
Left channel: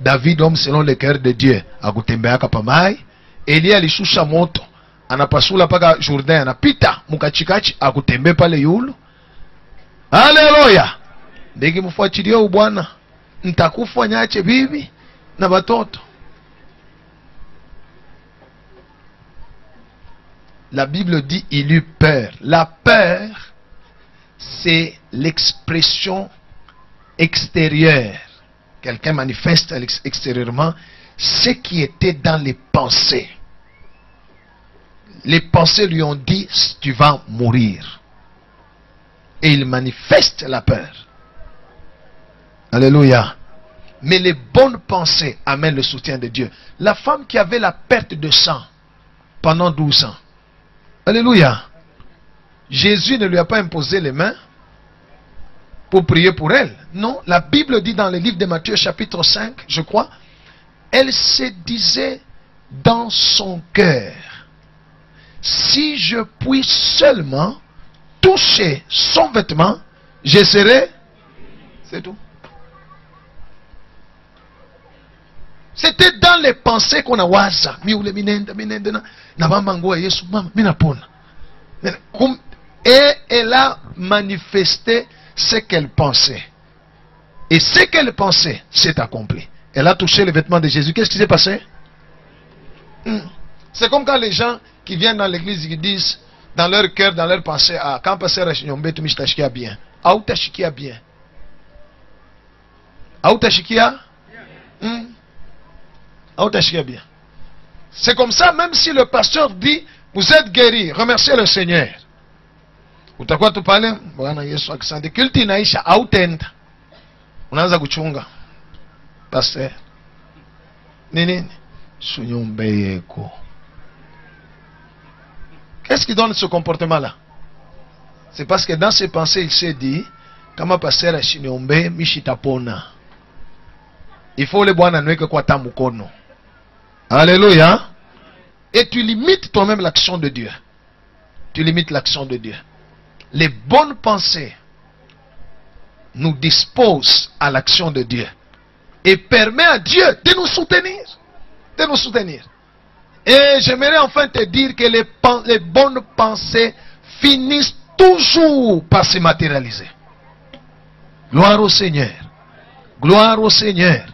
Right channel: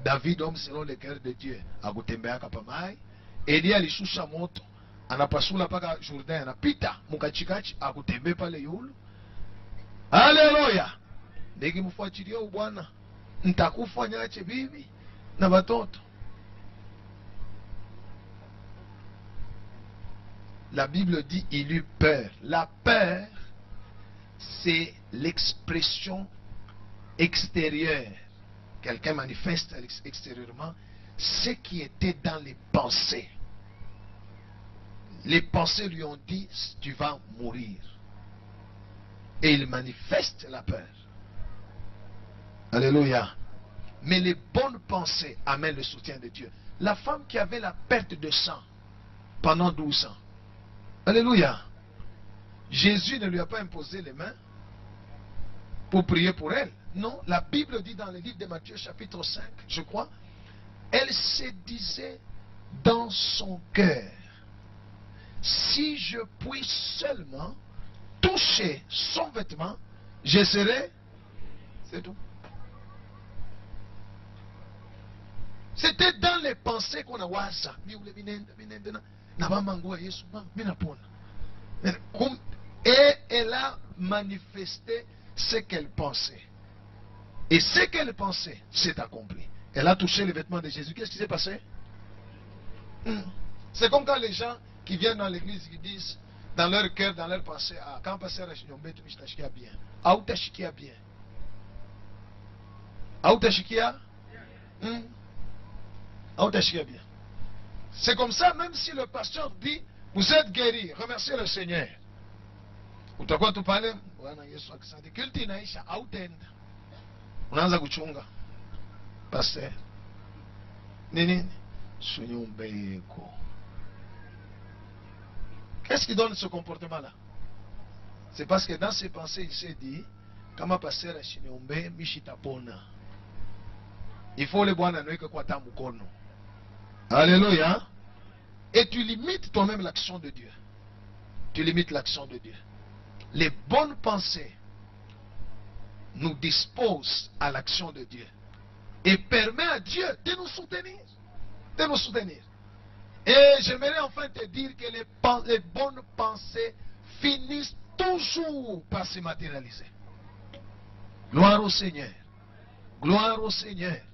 David homme selon le cœur de Dieu akutembea pa mai, Elia alishusha moto anapasula paka Jourdain anapita mukachikachi akutembea pale yulu. Haleluya. Ndege mfuatilie Bwana, nitakufa nyache bibi na batoto. La Bible dit il eut peur. La peur, c'est l'expression extérieure. Quelqu'un manifeste extérieurement ce qui était dans les pensées. Les pensées lui ont dit tu vas mourir. Et il manifeste la peur. Alléluia. Mais les bonnes pensées amènent le soutien de Dieu. La femme qui avait la perte de sang pendant 12 ans. Alléluia. Jésus ne lui a pas imposé les mains pour prier pour elle. Non, la Bible dit dans le livre de Matthieu chapitre 5, je crois, elle se disait dans son cœur, si je puis seulement toucher son vêtement, je serai... C'est tout. C'était dans les pensées qu'on a waza. Et elle a manifesté ce qu'elle pensait. Et ce qu'elle pensait s'est accompli. Elle a touché le vêtement de Jésus. Qu'est-ce qui s'est passé? C'est comme quand les gens qui viennent dans l'église qui disent dans leur cœur, dans leur pensée, ah, quand passer à Chinyombe, tu m'as bien. Ah, où t'as chikia bien? Ah, où t'as chikia? Bien. C'est comme ça, même si le pasteur dit vous êtes guéri, remerciez le Seigneur. Utakuwa tu pale Bwana Yesu akisante kulti inaisha autenda. Unaanza kuchunga. Pasteur. Nini? Sunyombe yeko. Qu'est-ce qui donne ce comportement-là? C'est parce que dans ses pensées, il s'est dit kama pasteur a shinyombe mishitapona. Il faut le Bwana nweke kwa tamukono. Alléluia. Et tu limites toi-même l'action de Dieu. Tu limites l'action de Dieu. Les bonnes pensées nous disposent à l'action de Dieu. Et permet à Dieu de nous soutenir. De nous soutenir. Et j'aimerais enfin te dire que les bonnes pensées finissent toujours par se matérialiser. Gloire au Seigneur. Gloire au Seigneur.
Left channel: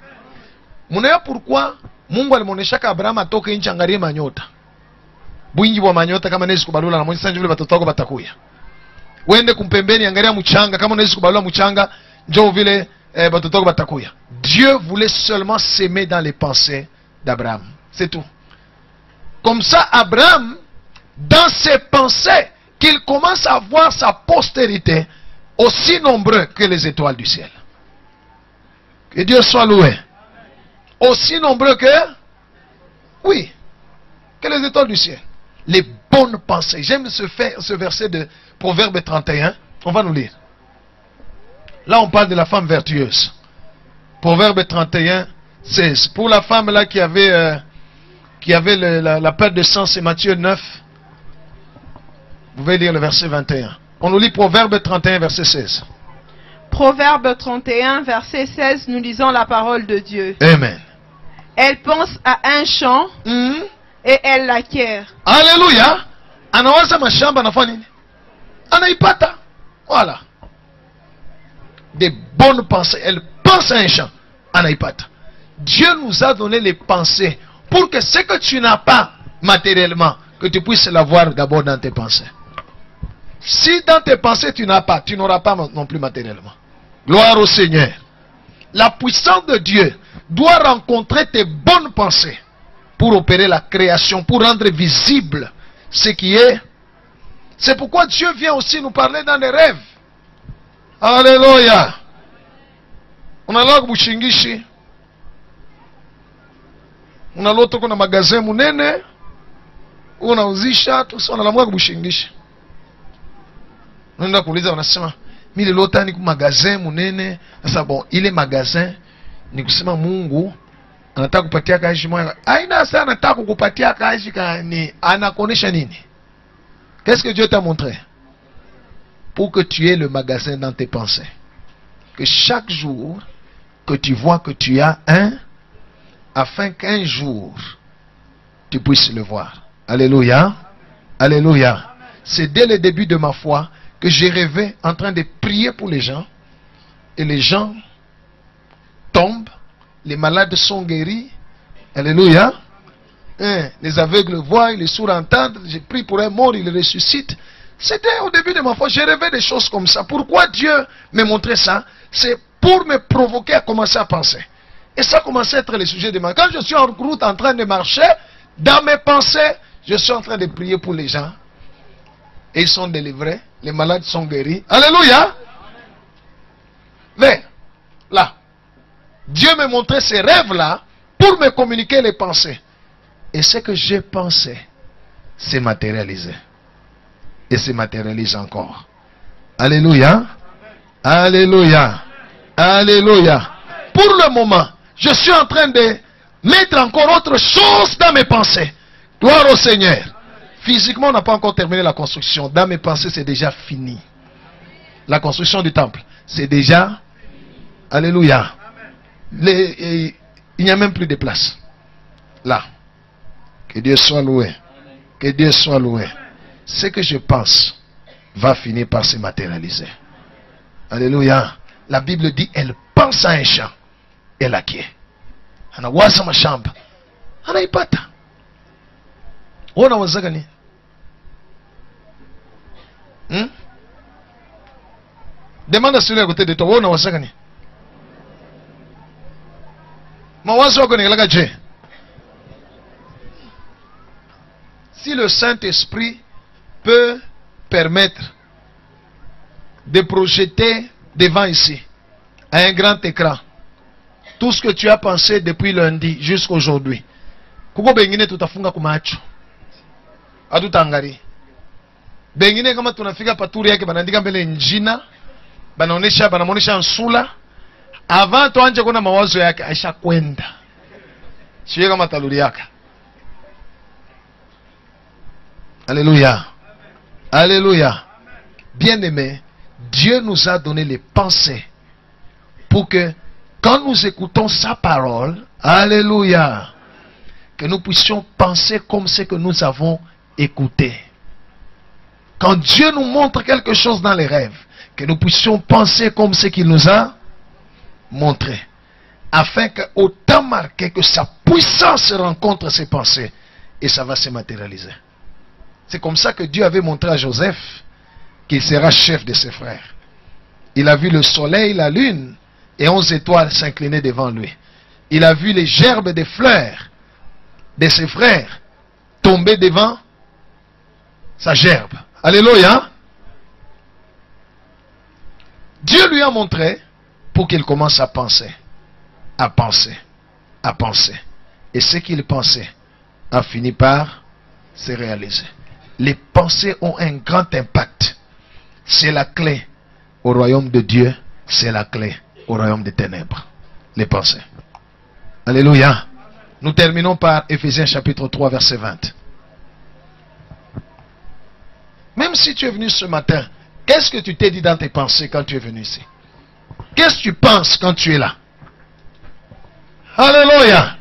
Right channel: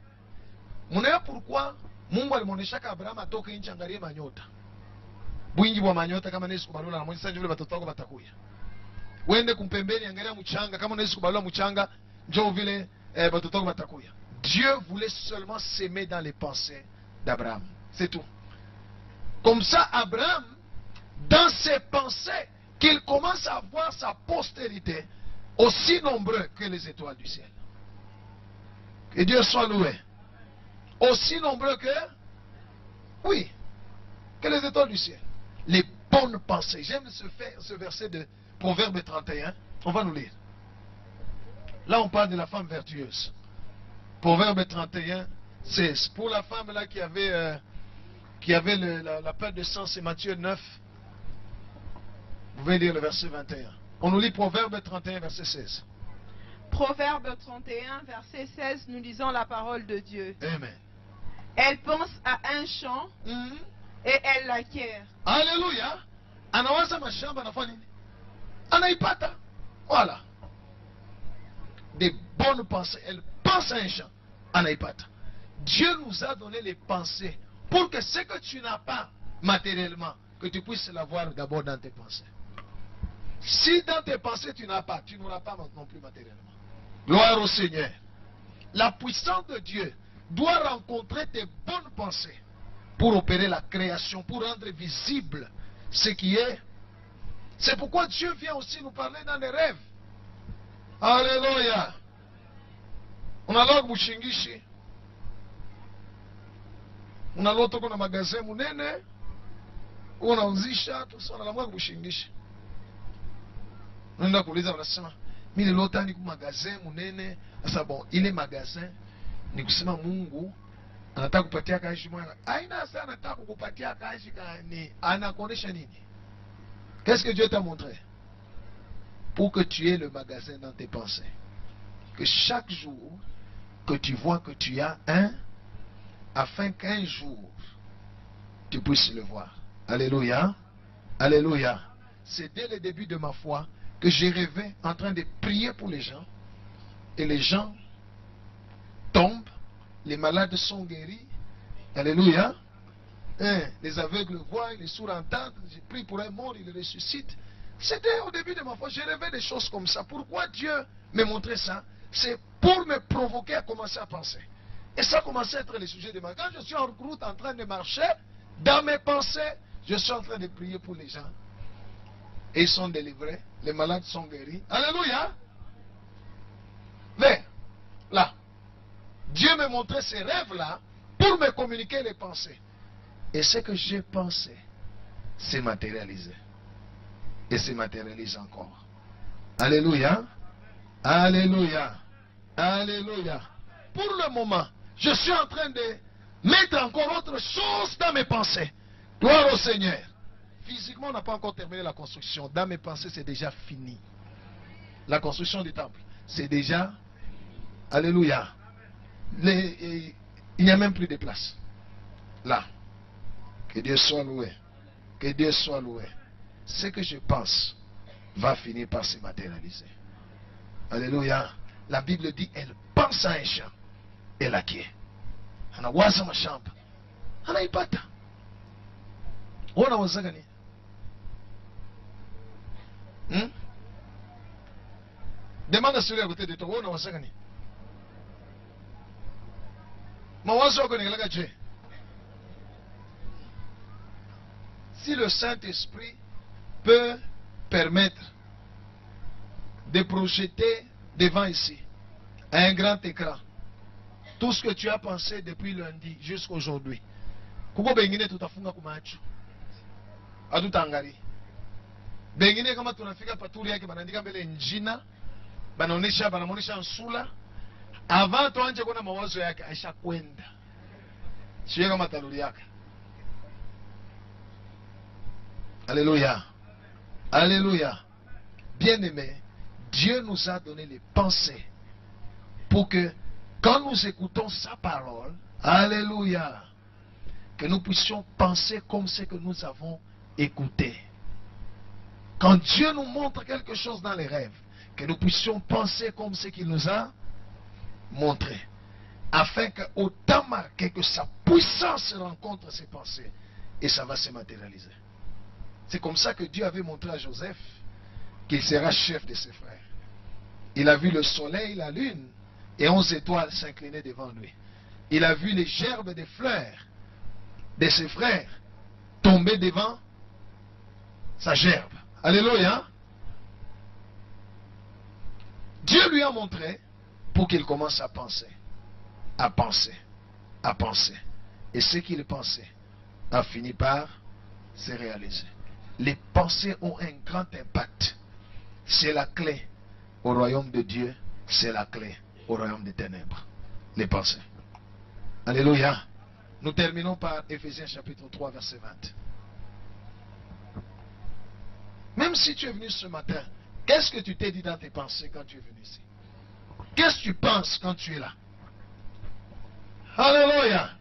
Vous savez pourquoi Mungu alimuoneshaka Abraham atoke nchi angalie manyota. Bwingi wa manyota kama nezi kubalula na mwenye vile watoto wako batakuya. Wende kumpembeni angalia mchanga kama nezi kubalula mchanga njoo vile watoto wako batakuya. Dieu voulait seulement s'aimer dans les pensées d'Abraham. C'est tout. Comme ça Abraham dans ses pensées qu'il commence à voir sa postérité aussi nombreux que les étoiles du ciel. Que Dieu soit loué. Aussi nombreux que, oui, que les étoiles du ciel. Les bonnes pensées. J'aime ce verset de Proverbe 31. On va nous lire. Là, on parle de la femme vertueuse. Proverbe 31, 16. Pour la femme là qui avait la perte de sang, c'est Matthieu 9. Vous pouvez lire le verset 21. On nous lit Proverbe 31, verset 16. Proverbe 31, verset 16, nous lisons la parole de Dieu. Amen. Elle pense à un champ et elle l'acquiert. Alléluia. Anawaza mashamba anafanya nini? Anaipata. Voilà. Des bonnes pensées. Elle pense à un champ. Anaipata. Dieu nous a donné les pensées pour que ce que tu n'as pas matériellement, que tu puisses l'avoir d'abord dans tes pensées. Si dans tes pensées tu n'as pas, tu n'auras pas non plus matériellement. Gloire au Seigneur. La puissance de Dieu doit rencontrer tes bonnes pensées pour opérer la création, pour rendre visible ce qui est. C'est pourquoi Dieu vient aussi nous parler dans les rêves. Alléluia. On a là Bushingishi. On a l'autre qu'on a magasin munene. On a uzisha, tout ça, on a la mwa Bushingishi. On a kuuliza wanasema mimi lota ni magasin munene. Sasa bon, ile magasin ni kusema Mungu anataka kupatia kazi moja. Aina sana anataka kukupatia kazi ni anakuonesha nini? Qu'est-ce que Dieu t'a montré? Pour que tu aies le magasin dans tes pensées. Que chaque jour que tu vois que tu as un, afin qu'un jour tu puisses le voir. Alléluia. Alléluia. C'est dès le début de ma foi que j'ai rêvé en train de prier pour les gens. Et les gens tombent. Les malades sont guéris. Alléluia. Les aveugles voient, les sourds entendent. J'ai prié pour un mort, il ressuscite. C'était au début de ma foi. J'ai rêvé des choses comme ça. Pourquoi Dieu me montrait ça? C'est pour me provoquer à commencer à penser. Et ça commençait à être le sujet de ma... Quand je suis en route en train de marcher, dans mes pensées, je suis en train de prier pour les gens. Et ils sont délivrés. Les malades sont guéris. Alléluia. Mais, là, Dieu me montrait ces rêves-là pour me communiquer les pensées. Et ce que j'ai pensé s'est matérialisé. Et se matérialise encore. Alléluia. Alléluia. Alléluia. Pour le moment, je suis en train de mettre encore autre chose dans mes pensées. Gloire au Seigneur. Physiquement, on n'a pas encore terminé la construction. Dans mes pensées, c'est déjà fini. La construction du temple, c'est déjà... Alléluia. Il n'y a même plus de place. Là. Que Dieu soit loué. Que Dieu soit loué. Ce que je pense va finir par se matérialiser. Alléluia. La Bible dit, elle pense à un champ. Elle acquiert. Ana wasa mashamba. Ana ipata. Ona wazaga ni? Demande à celui à côté de toi. Ona wazaga ni? Mawazo wako ni kalaka je? Si le Saint-Esprit peut permettre de projeter devant ici, à un grand écran, tout ce que tu as pensé depuis lundi jusqu'à aujourd'hui, kuko bengine tutafunga kumacho atutangari bengine kama tunafika paturi yake banaandika mbele njina banaonesha nsula avant tuanje kuna mawazo yake aisha kwenda sio kama taluri yake. Alléluia. Alléluia. Bien-aimés, Dieu nous a donné les pensées pour que quand nous écoutons sa parole, alléluia, que nous puissions penser comme ce que nous avons écouté. Quand Dieu nous montre quelque chose dans les rêves, que nous puissions penser comme ce qu'il nous a montré, afin qu'au temps marqué, que sa puissance rencontre ses pensées et ça va se matérialiser. C'est comme ça que Dieu avait montré à Joseph qu'il sera chef de ses frères. Il a vu le soleil, la lune et 11 étoiles s'incliner devant lui. Il a vu les gerbes des fleurs de ses frères tomber devant sa gerbe. Alléluia. Dieu lui a montré pour qu'il commence à penser, à penser, à penser. Et ce qu'il pensait a fini par se réaliser. Les pensées ont un grand impact. C'est la clé au royaume de Dieu c'est la clé au royaume des ténèbres. Les pensées. Alléluia. Nous terminons par Éphésiens chapitre 3 verset 20. Même si tu es venu ce matin, qu'est-ce que tu t'es dit dans tes pensées quand tu es venu ici? Qu'est-ce que tu penses quand tu es là? Alléluia.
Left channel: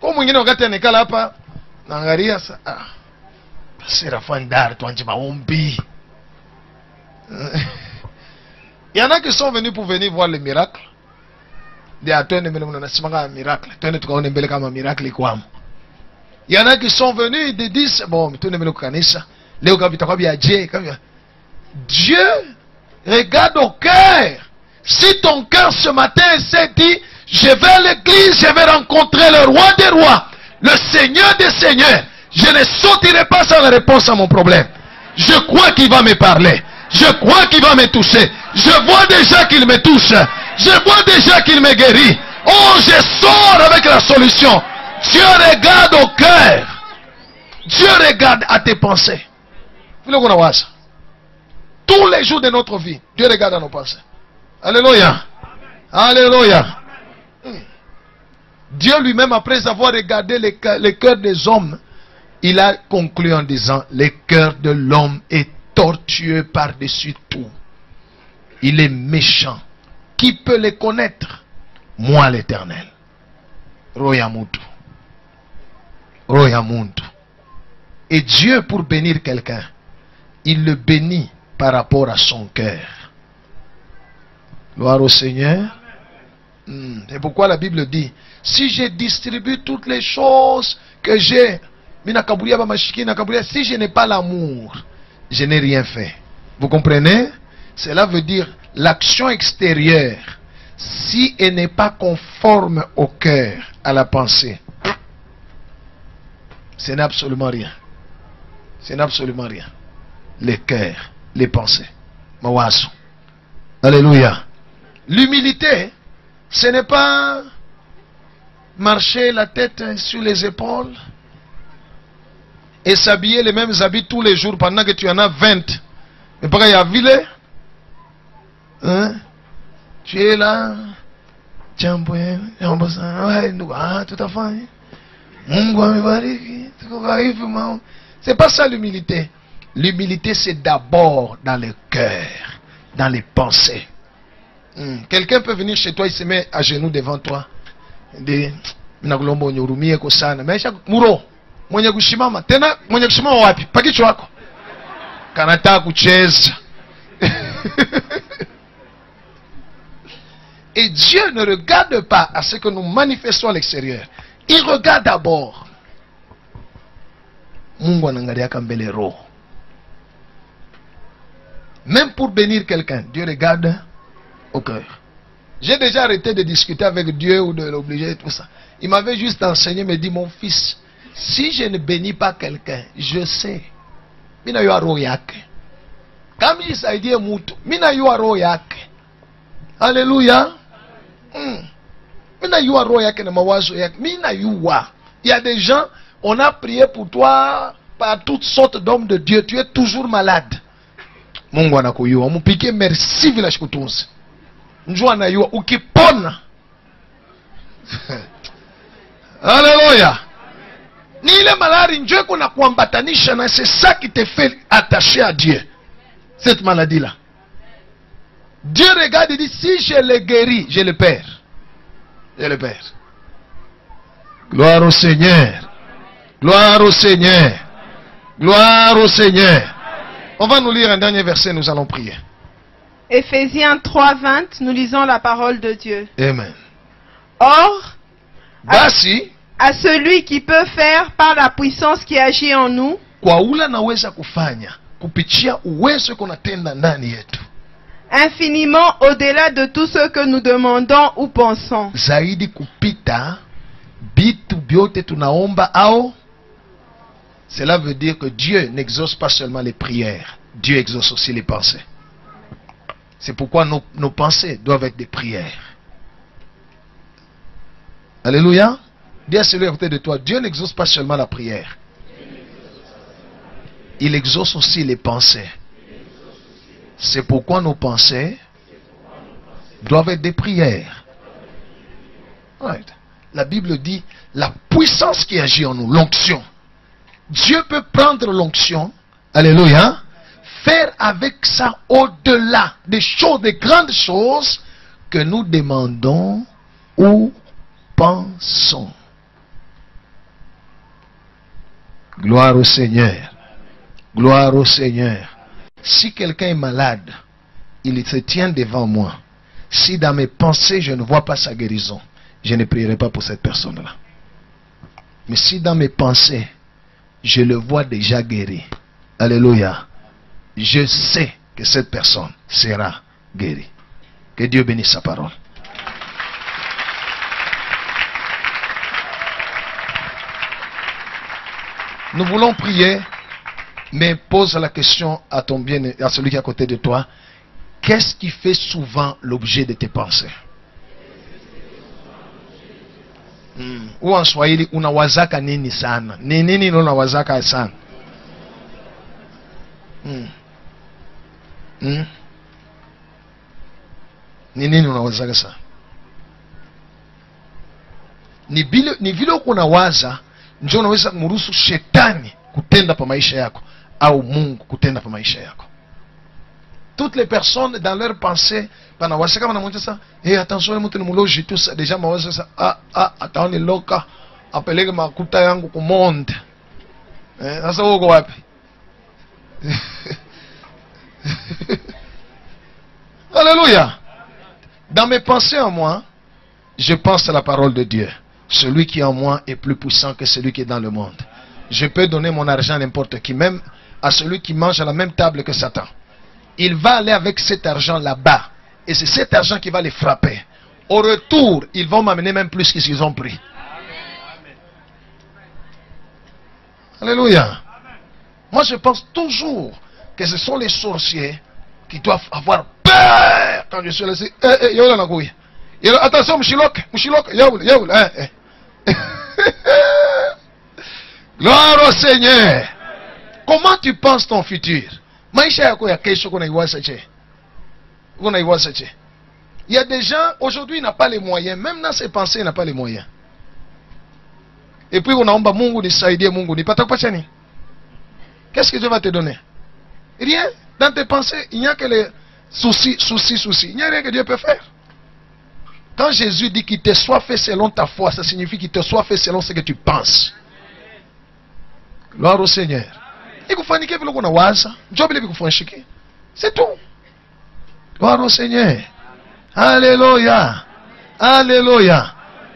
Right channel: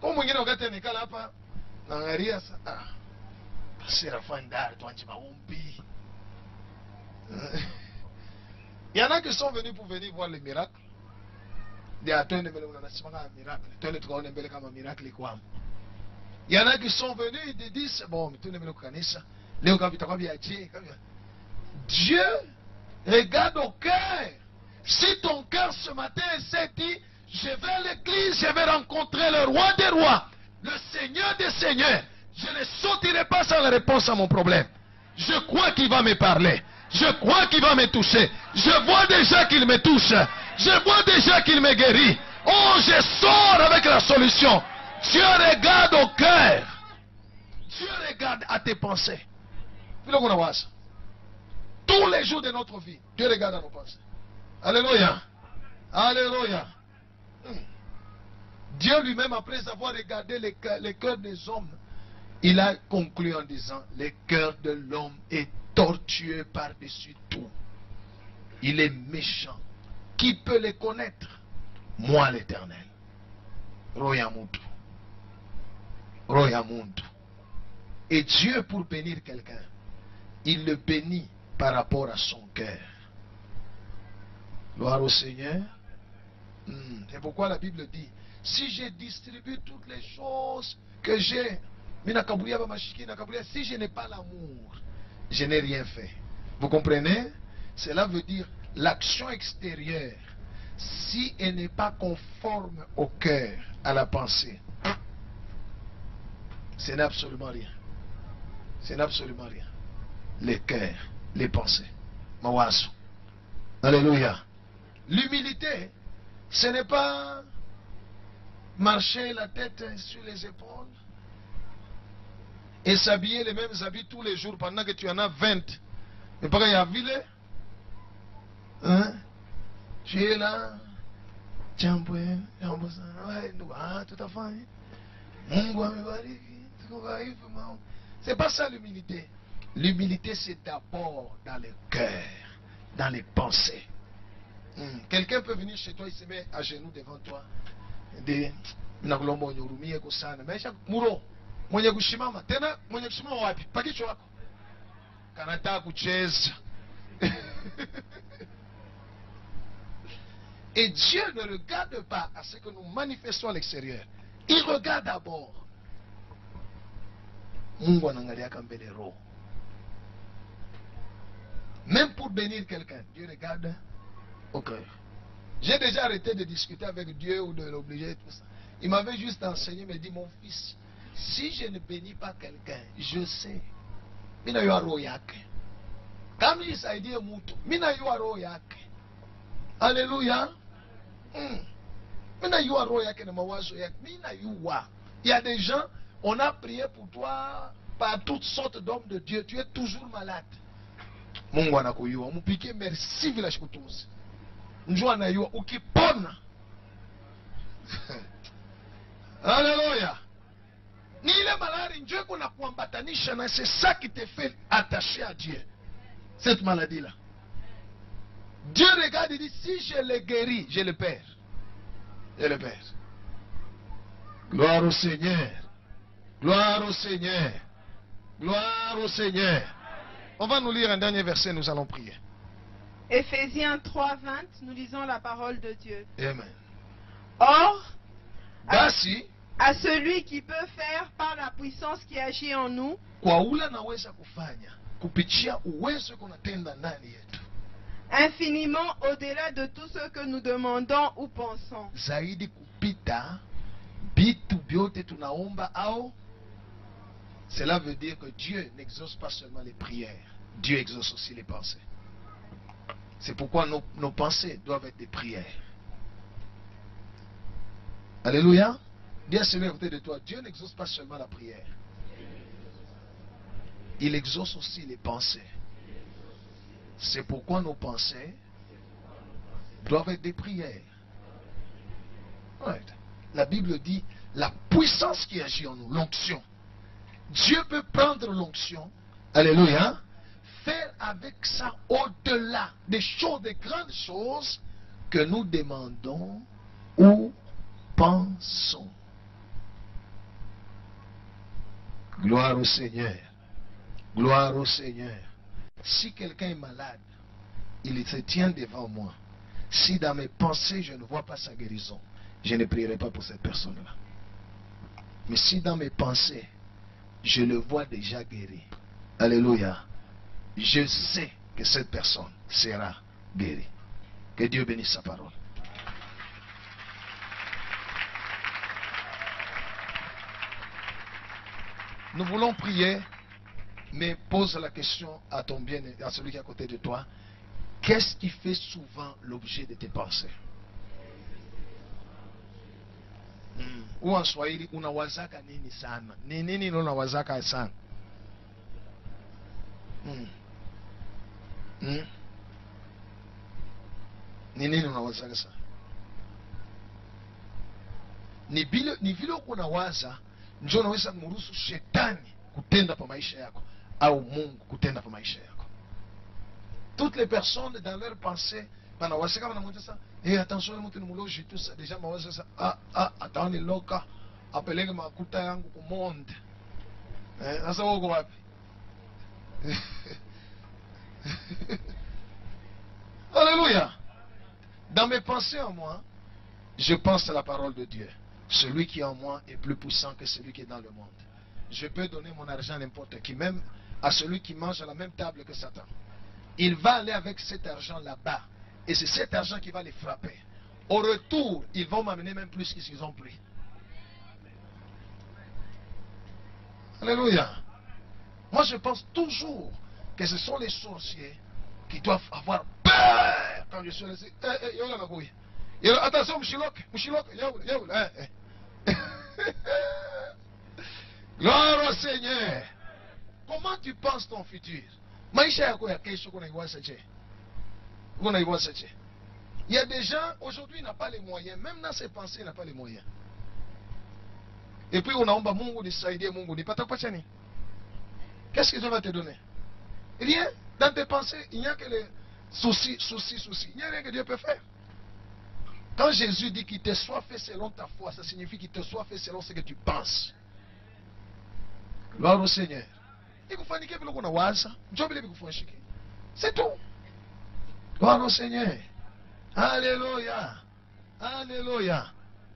Comme on est là, nangaria sa Séraphandar, toi, il y en a qui sont venus pour venir voir les miracles. Il y en a qui sont venus et disent bon, Dieu regarde au cœur. Si ton cœur ce matin s'est dit je vais à l'église, je vais rencontrer le roi des rois, le Seigneur des seigneurs, je ne sortirai pas sans la réponse à mon problème. Je crois qu'il va me parler. Je crois qu'il va me toucher. Je vois déjà qu'il me touche. Je vois déjà qu'il me guérit. Oh, je sors avec la solution. Dieu regarde au cœur. Dieu regarde à tes pensées. Tous les jours de notre vie, Dieu regarde à nos pensées. Alléluia. Alléluia. Dieu lui-même, après avoir regardé les cœurs des hommes, il a conclu en disant, le cœur de l'homme est tortueux par-dessus tout. Il est méchant. Qui peut les connaître? Moi l'Éternel. Royamutu. Royamuntu. Et Dieu, pour bénir quelqu'un, il le bénit par rapport à son cœur. Gloire au Seigneur. C'est pourquoi la Bible dit, si je distribue toutes les choses que j'ai, si je n'ai pas l'amour, je n'ai rien fait. Vous comprenez? Cela veut dire l'action extérieure, si elle n'est pas conforme au cœur, à la pensée, ce n'est absolument rien. Ce n'est absolument rien. Les cœurs, les pensées. Mawazo. Alléluia. L'humilité, ce n'est pas marcher la tête sur les épaules et s'habiller les mêmes habits tous les jours pendant que tu en as 20. Mais pareil, à Ville, hein? Tu es là, tout à fait. C'est pas ça l'humilité. L'humilité, c'est d'abord dans le cœur, dans les pensées. Quelqu'un peut venir chez toi, il se met à genoux devant toi. Mwenye kushimama tena, mwenye kushimama wapi? Pakicho wako kanataka kucheza. Et Dieu ne regarde pas à ce que nous manifestons à l'extérieur. Il regarde d'abord. Mungu anangalia kambele roho. Même pour bénir quelqu'un, Dieu regarde au cœur. J'ai déjà arrêté de discuter avec Dieu ou de l'obliger tout ça. Il m'avait juste enseigné, me dit, mon fils, si je ne bénis pas quelqu'un, je sais. Mina yu aro yake. Kama jisaidie mtu, mina yu aro yake. Alléluia. Mina yu aro yake na mawazo yake. Mina yuwa. Il y a des gens, on a prié pour toi par toutes sortes d'hommes de Dieu. Tu es toujours malade. Mungu anakuyua. Mupike merci vila shikutunzi. Njua anayua. Ukipona. Alléluia. Ni ile malari njoo kuna kuambatanisha na c'est ça qui te fait attacher à Dieu. Cette maladie là. Dieu regarde et dit si je le guéris, je le perds. Je le perds. Gloire au Seigneur. Gloire au Seigneur. Gloire au Seigneur. On va nous lire un dernier verset, nous allons prier. Éphésiens 3:20, nous lisons la parole de Dieu. Amen. Or, Basi, à celui qui peut faire par la puissance qui agit en nous, kwa ula naweza kufanya kupitia uwezo kunatenda ndani yetu, infiniment au-delà de tout ce que nous demandons ou pensons. zaidi kupita bitu byote tunaomba au. Cela veut dire que Dieu n'exauce pas seulement les prières, Dieu exauce aussi les pensées. C'est pourquoi nos pensées doivent être des prières. Alléluia. Dis à celui à côté de toi, Dieu n'exauce pas seulement la prière. Il exauce aussi les pensées. C'est pourquoi nos pensées doivent être des prières. Right. La Bible dit la puissance qui agit en nous, l'onction. Dieu peut prendre l'onction, alléluia, faire avec ça au-delà des choses, des grandes choses que nous demandons ou pensons. Gloire au Seigneur. Gloire au Seigneur. Si quelqu'un est malade, il se tient devant moi. Si dans mes pensées, je ne vois pas sa guérison, je ne prierai pas pour cette personne-là. Mais si dans mes pensées, je le vois déjà guéri, alléluia, je sais que cette personne sera guérie. Que Dieu bénisse sa parole. Nous voulons prier, mais pose la question à ton bien, à celui qui est à côté de toi. Qu'est-ce qui fait souvent l'objet de tes pensées? Ou en Swahili, unawazaka nini sana? Ni nini unawazaka sana? Ni nini unawazaka sana? Ni vile unawaza ndio unaweza kumruhusu shetani kutenda pa maisha yako au Mungu kutenda pa maisha yako. Toutes les personnes dans leur pensée panawasa kama namuita ça, attention mtu ni mloji tout ça déjà mawaza ça, ataoni loka apeleke makuta yangu ku monde. Sasa uko wapi? Alléluia. Dans mes pensées en moi, je pense à la parole de Dieu. Celui qui est en moi est plus puissant que celui qui est dans le monde. Je peux donner mon argent à n'importe qui, même à celui qui mange à la même table que Satan. Il va aller avec cet argent là-bas. Et c'est cet argent qui va les frapper. Au retour, ils vont m'amener même plus que ce qu'ils ont pris. Alléluia. Moi, je pense toujours que ce sont les sorciers qui doivent avoir peur quand je suis laissé. Attention, Mouchilok, Yaoul. Gloire au Seigneur. Comment tu penses ton futur? Il y a des gens, aujourd'hui, ils n'ont pas les moyens. Même dans ses pensées, ils n'ont pas les moyens. Et puis, on a Mungu ni Saïdi Mungu ni Patakpachani. Qu'est-ce que Dieu va te donner? Rien. Dans tes pensées, il n'y a que les soucis. Il n'y a rien que Dieu peut faire. Quand Jésus dit qu'il te soit fait selon ta foi, ça signifie qu'il te soit fait selon ce que tu penses. Gloire au Seigneur. C'est tout. Gloire au Seigneur. Alléluia. Alléluia.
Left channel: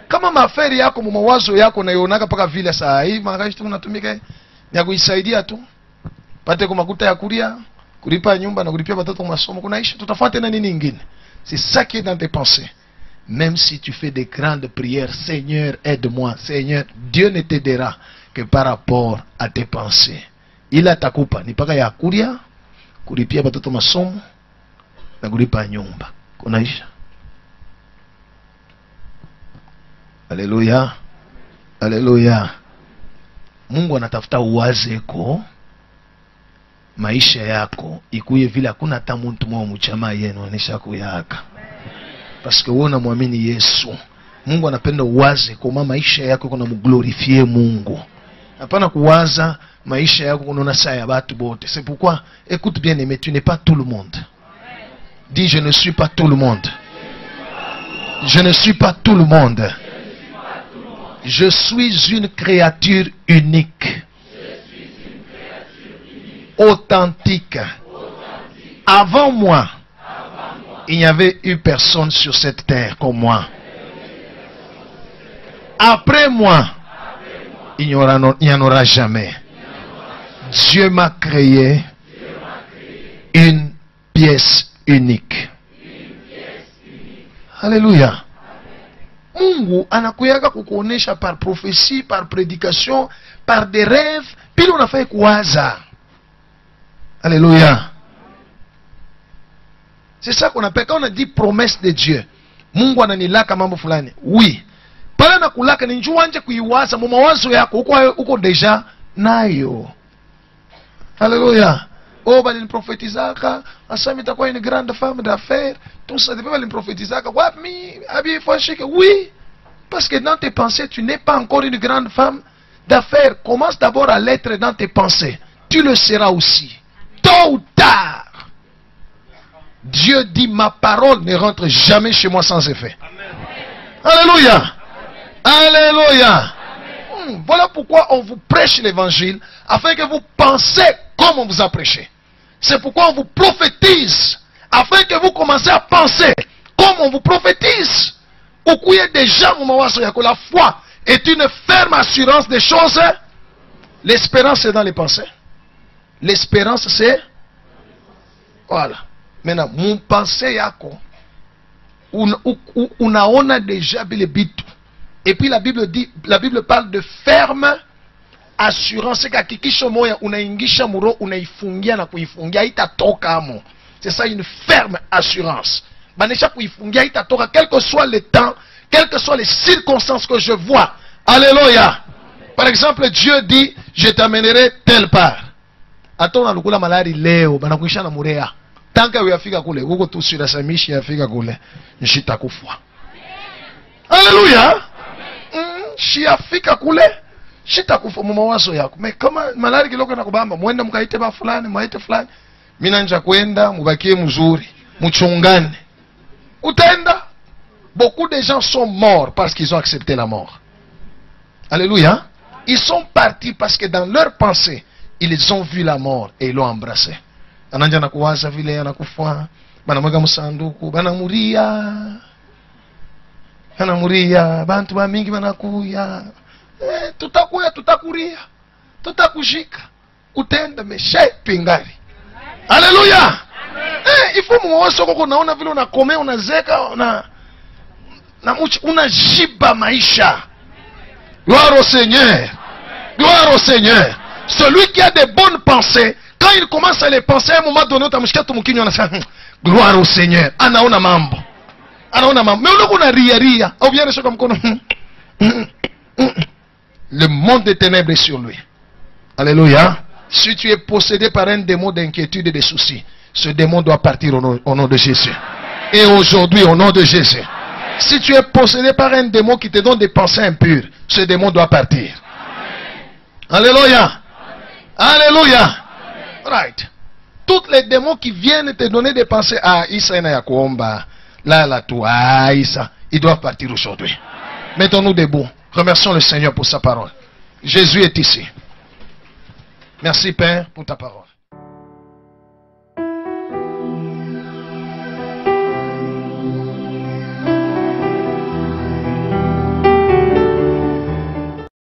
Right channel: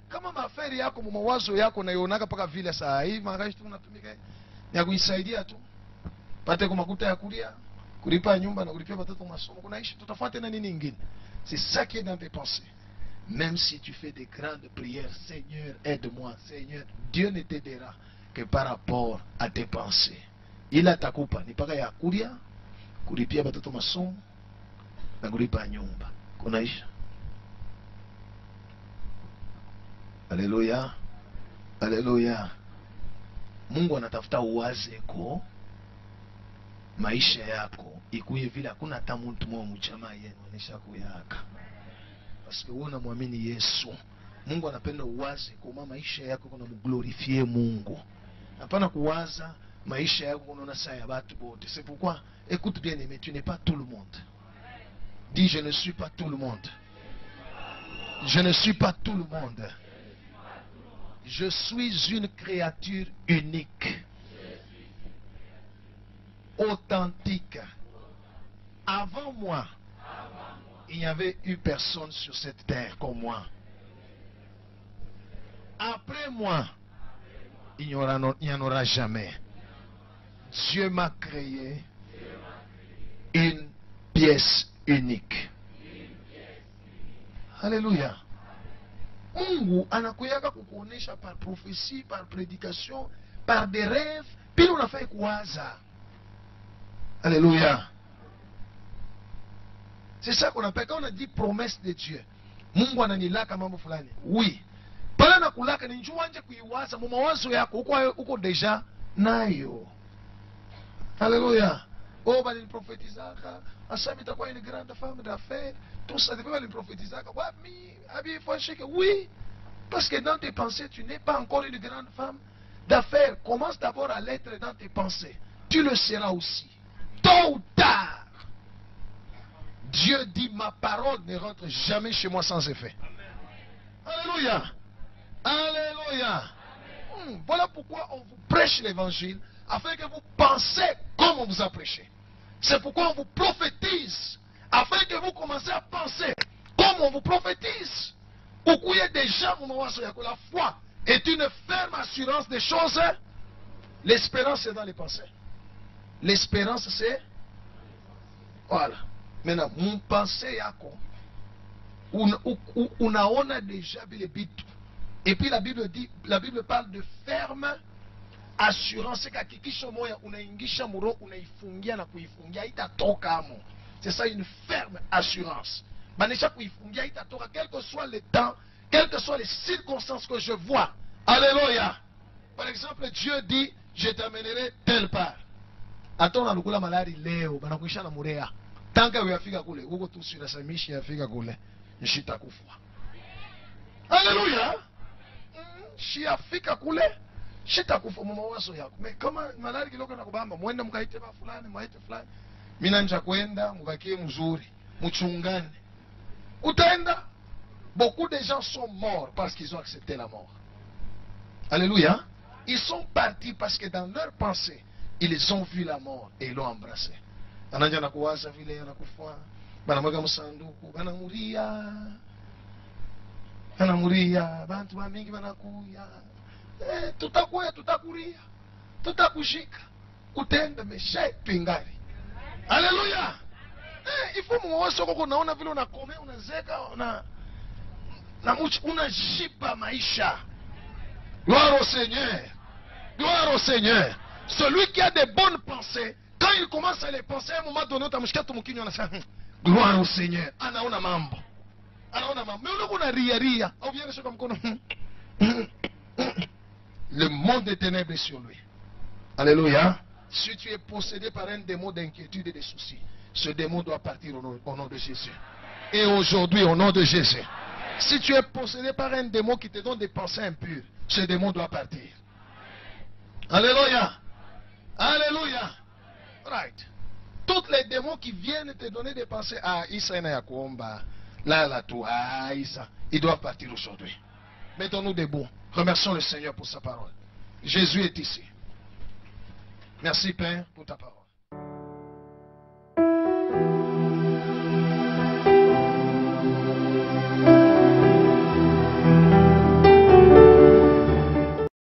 Kama maferi yako mawazo yako naionaka paka vile saa hii makashi tunatumika ya kuisaidia tu. Pate kwa makuta ya kulia, kulipa nyumba na kulipia watoto masomo kunaisha tutafuata na nini nyingine. C'est ça qui est dans tes pensées. Même si tu fais des grandes prières, Seigneur, aide-moi. Seigneur, Dieu ne t'aidera que par rapport à tes pensées. Il a takupa ni paka ya kulia, kulipia watoto masomo na kulipa nyumba. Kunaisha. Alléluia. Alléluia. Mungu anatafuta uwazeko maisha yako ikuye vile hakuna hata mtu mwa mchama yenu anisha kuyaka. Parce que wewe unamwamini Yesu. Mungu anapenda uwaze kwa maisha yako kuna mglorifie Mungu. Hapana kuwaza maisha yako kuna saa ya watu bote. C'est pourquoi écoute bien aimé, tu n'es pas tout le monde. Dis je ne suis pas tout le monde. Je ne suis pas tout le monde. Je suis une créature unique. Authentique. Avant moi, il n'y avait eu personne sur cette terre comme moi. Après moi, il n'y en aura jamais. Dieu m'a créé une pièce unique. Alléluia. Mungu anakuyaka kukuonesha par prophétie, par prédication, par des rêves, puis on a fait kuwaza. Alléluia. C'est ça qu'on appelle, quand on a dit promesse de Dieu. Mungu ananilaka mambo fulani. Oui. Pala na kulaka ni njua nje kuiwaza, mu mawazo yako uko deja nayo. Alléluia. Oh, bah, il prophétisaka. Ensemble, t'as quoi une grande femme d'affaires. Tout ça, tu peux pas prophétisaka. Oui. Parce que dans tes pensées, tu n'es pas encore une grande femme d'affaires. Commence d'abord à l'être dans tes pensées. Tu le seras aussi. Tôt ou tard. Dieu dit, ma parole ne rentre jamais chez moi sans effet. Alléluia. Alléluia. Voilà pourquoi on vous prêche l'évangile, afin que vous pensez comme on vous a prêché. C'est pourquoi on vous prophétise, afin que vous commencez à penser comme on vous prophétise. Déjà, la foi est une ferme assurance des choses. L'espérance c'est dans les pensées. L'espérance c'est... Voilà. Maintenant, mon pensée yako, unaona déjà bile bitu. Et puis la Bible dit, la Bible parle de ferme assurance. C'est ça une ferme assurance. Quel que soit le temps, quelles que soient les circonstances que je vois. Alléluia. Par exemple, Dieu dit, je t'amènerai telle part. Attends, on a malari leo, banakuisha na murea. Tant que vous afika kule, vous tout sur la samishi afika kule, nishita kufwa. Alléluia. Shiafika kule, shita kufwa mawazo yako. Mais kama malari kiloko na kubamba, muende mkaite ba fulani, mwaite fulani. Mina nja kwenda, mubakie mzuri, muchungane. Utenda. Beaucoup de gens sont morts parce qu'ils ont accepté la mort. Alléluia. Ils sont partis parce que dans leur pensée, ils ont vu la mort et ils l'ont embrassé. Ananja nakuwaza vile anakufa, banamweka msanduku, banamuria. Banamuria, bantu ba mingi banakuya. Tutakuria. Tutakushika. Utenda meshe pingari. Alléluia. Il faut mwaso koko naona vile unakome unazeka unajiba maisha. Gloire au Seigneur. Gloire au Seigneur. Celui qui a de bonnes pensées, quand il commence à les penser, à un moment donné, gloire au Seigneur. Anaona mambo. Anaona mambo. Mais on a ria. Le monde des ténèbres est sur lui. Alléluia. Si tu es possédé par un démon d'inquiétude et de soucis, ce démon doit partir au nom de Jésus. Et aujourd'hui, au nom de Jésus. Si tu es possédé par un démon qui te donne des pensées impures, ce démon doit partir. Alléluia. Alléluia. Right. Tous les démons qui viennent te donner des pensées, Issa et Nayakuomba, là, toi, Issa, ils doivent partir aujourd'hui. Mettons-nous debout. Remercions le Seigneur pour sa parole. Jésus est ici. Merci Père pour ta parole.